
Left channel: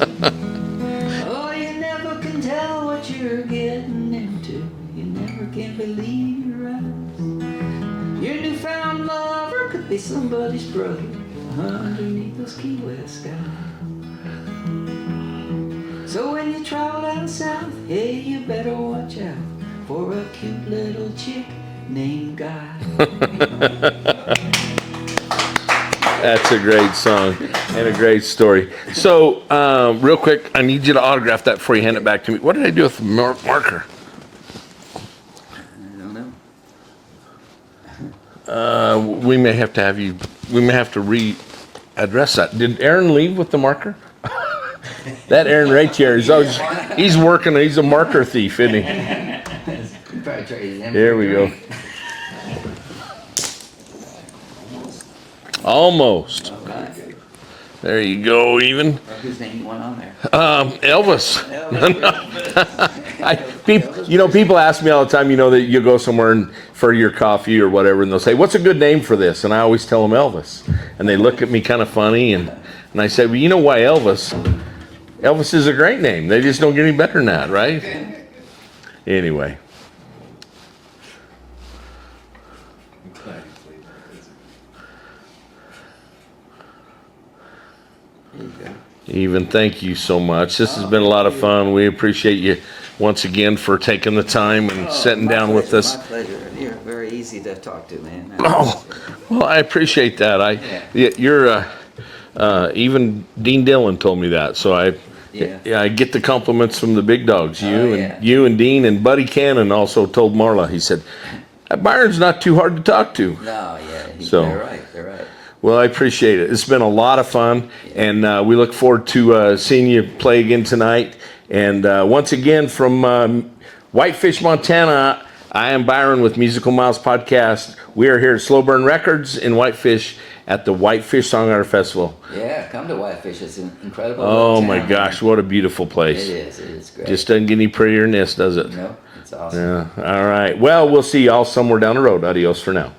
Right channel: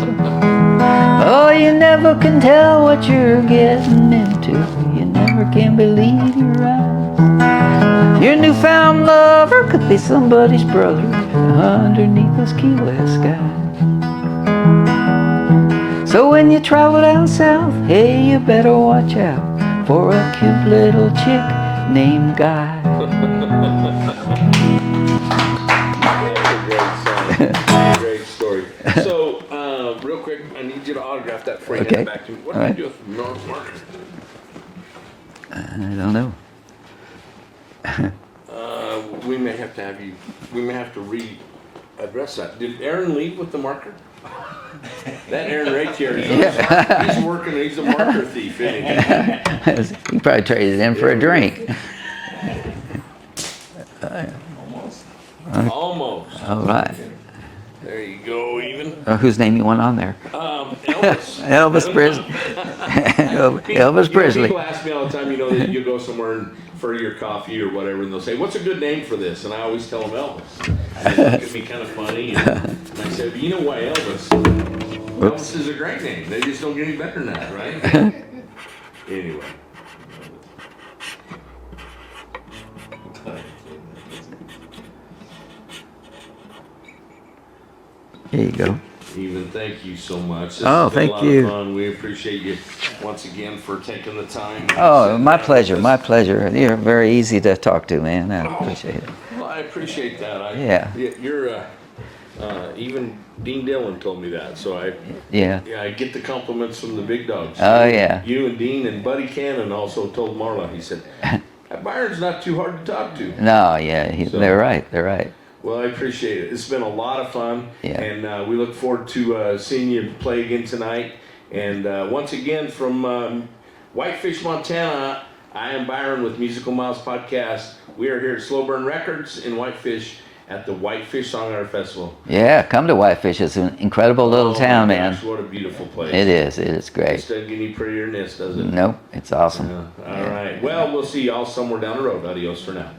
Oh, you never can tell what you're getting into. You never can believe your eyes. Your newfound lover could be somebody's brother underneath those Key West skies. So when you travel down south, hey, you better watch out for a cute little chick named Guy. That's a great song and a great story. So, real quick, I need you to autograph that before you hand it back to me. What did I do with the marker? I don't know. We may have to readdress that. Did Aaron leave with the marker? That Aaron right here is he's working. He's a marker thief, isn't he? You probably traded it in for Here a we drink. Almost. All right. There you go. Even Whose name you want on there? Elvis. Elvis Presley. Elvis You know, Presley. people ask me all the time. You know that you go somewhere for your coffee or whatever, and they'll say, "What's a good name for this?" And I always tell them Elvis, and they look at me kind of funny, and I say, "Well, you know why Elvis? Elvis is a great name. They just don't get any better than that, right?" Anyway. Here you go. Even, thank you so much. This Oh, has been a thank lot of you. fun. We appreciate you once again for taking the time and sitting my down pleasure. with us. My pleasure. You're very easy to talk to, man. I appreciate it. Well, I appreciate that. Yeah. You're even Dean Dillon told me that, so I get the compliments from the big dogs. You and Dean and Buddy Cannon also told Marla. He said, Byron's not too hard to talk to. No, yeah, they're right. They're right. Well, I appreciate it. It's been a lot of fun, and we look forward to seeing you play again tonight. And once again, from Whitefish, Montana, I am Byron with Musical Miles Podcast. We are here at Slow Burn Records in Whitefish at the Whitefish Songwriter Festival. Yeah, come to Whitefish. It's an incredible little town. Oh my gosh, what a beautiful place. It is. It is great. Just doesn't get any prettier than this, does it? No, it's awesome. Yeah. All right. Well, we'll see y'all somewhere down the road. Adios for now.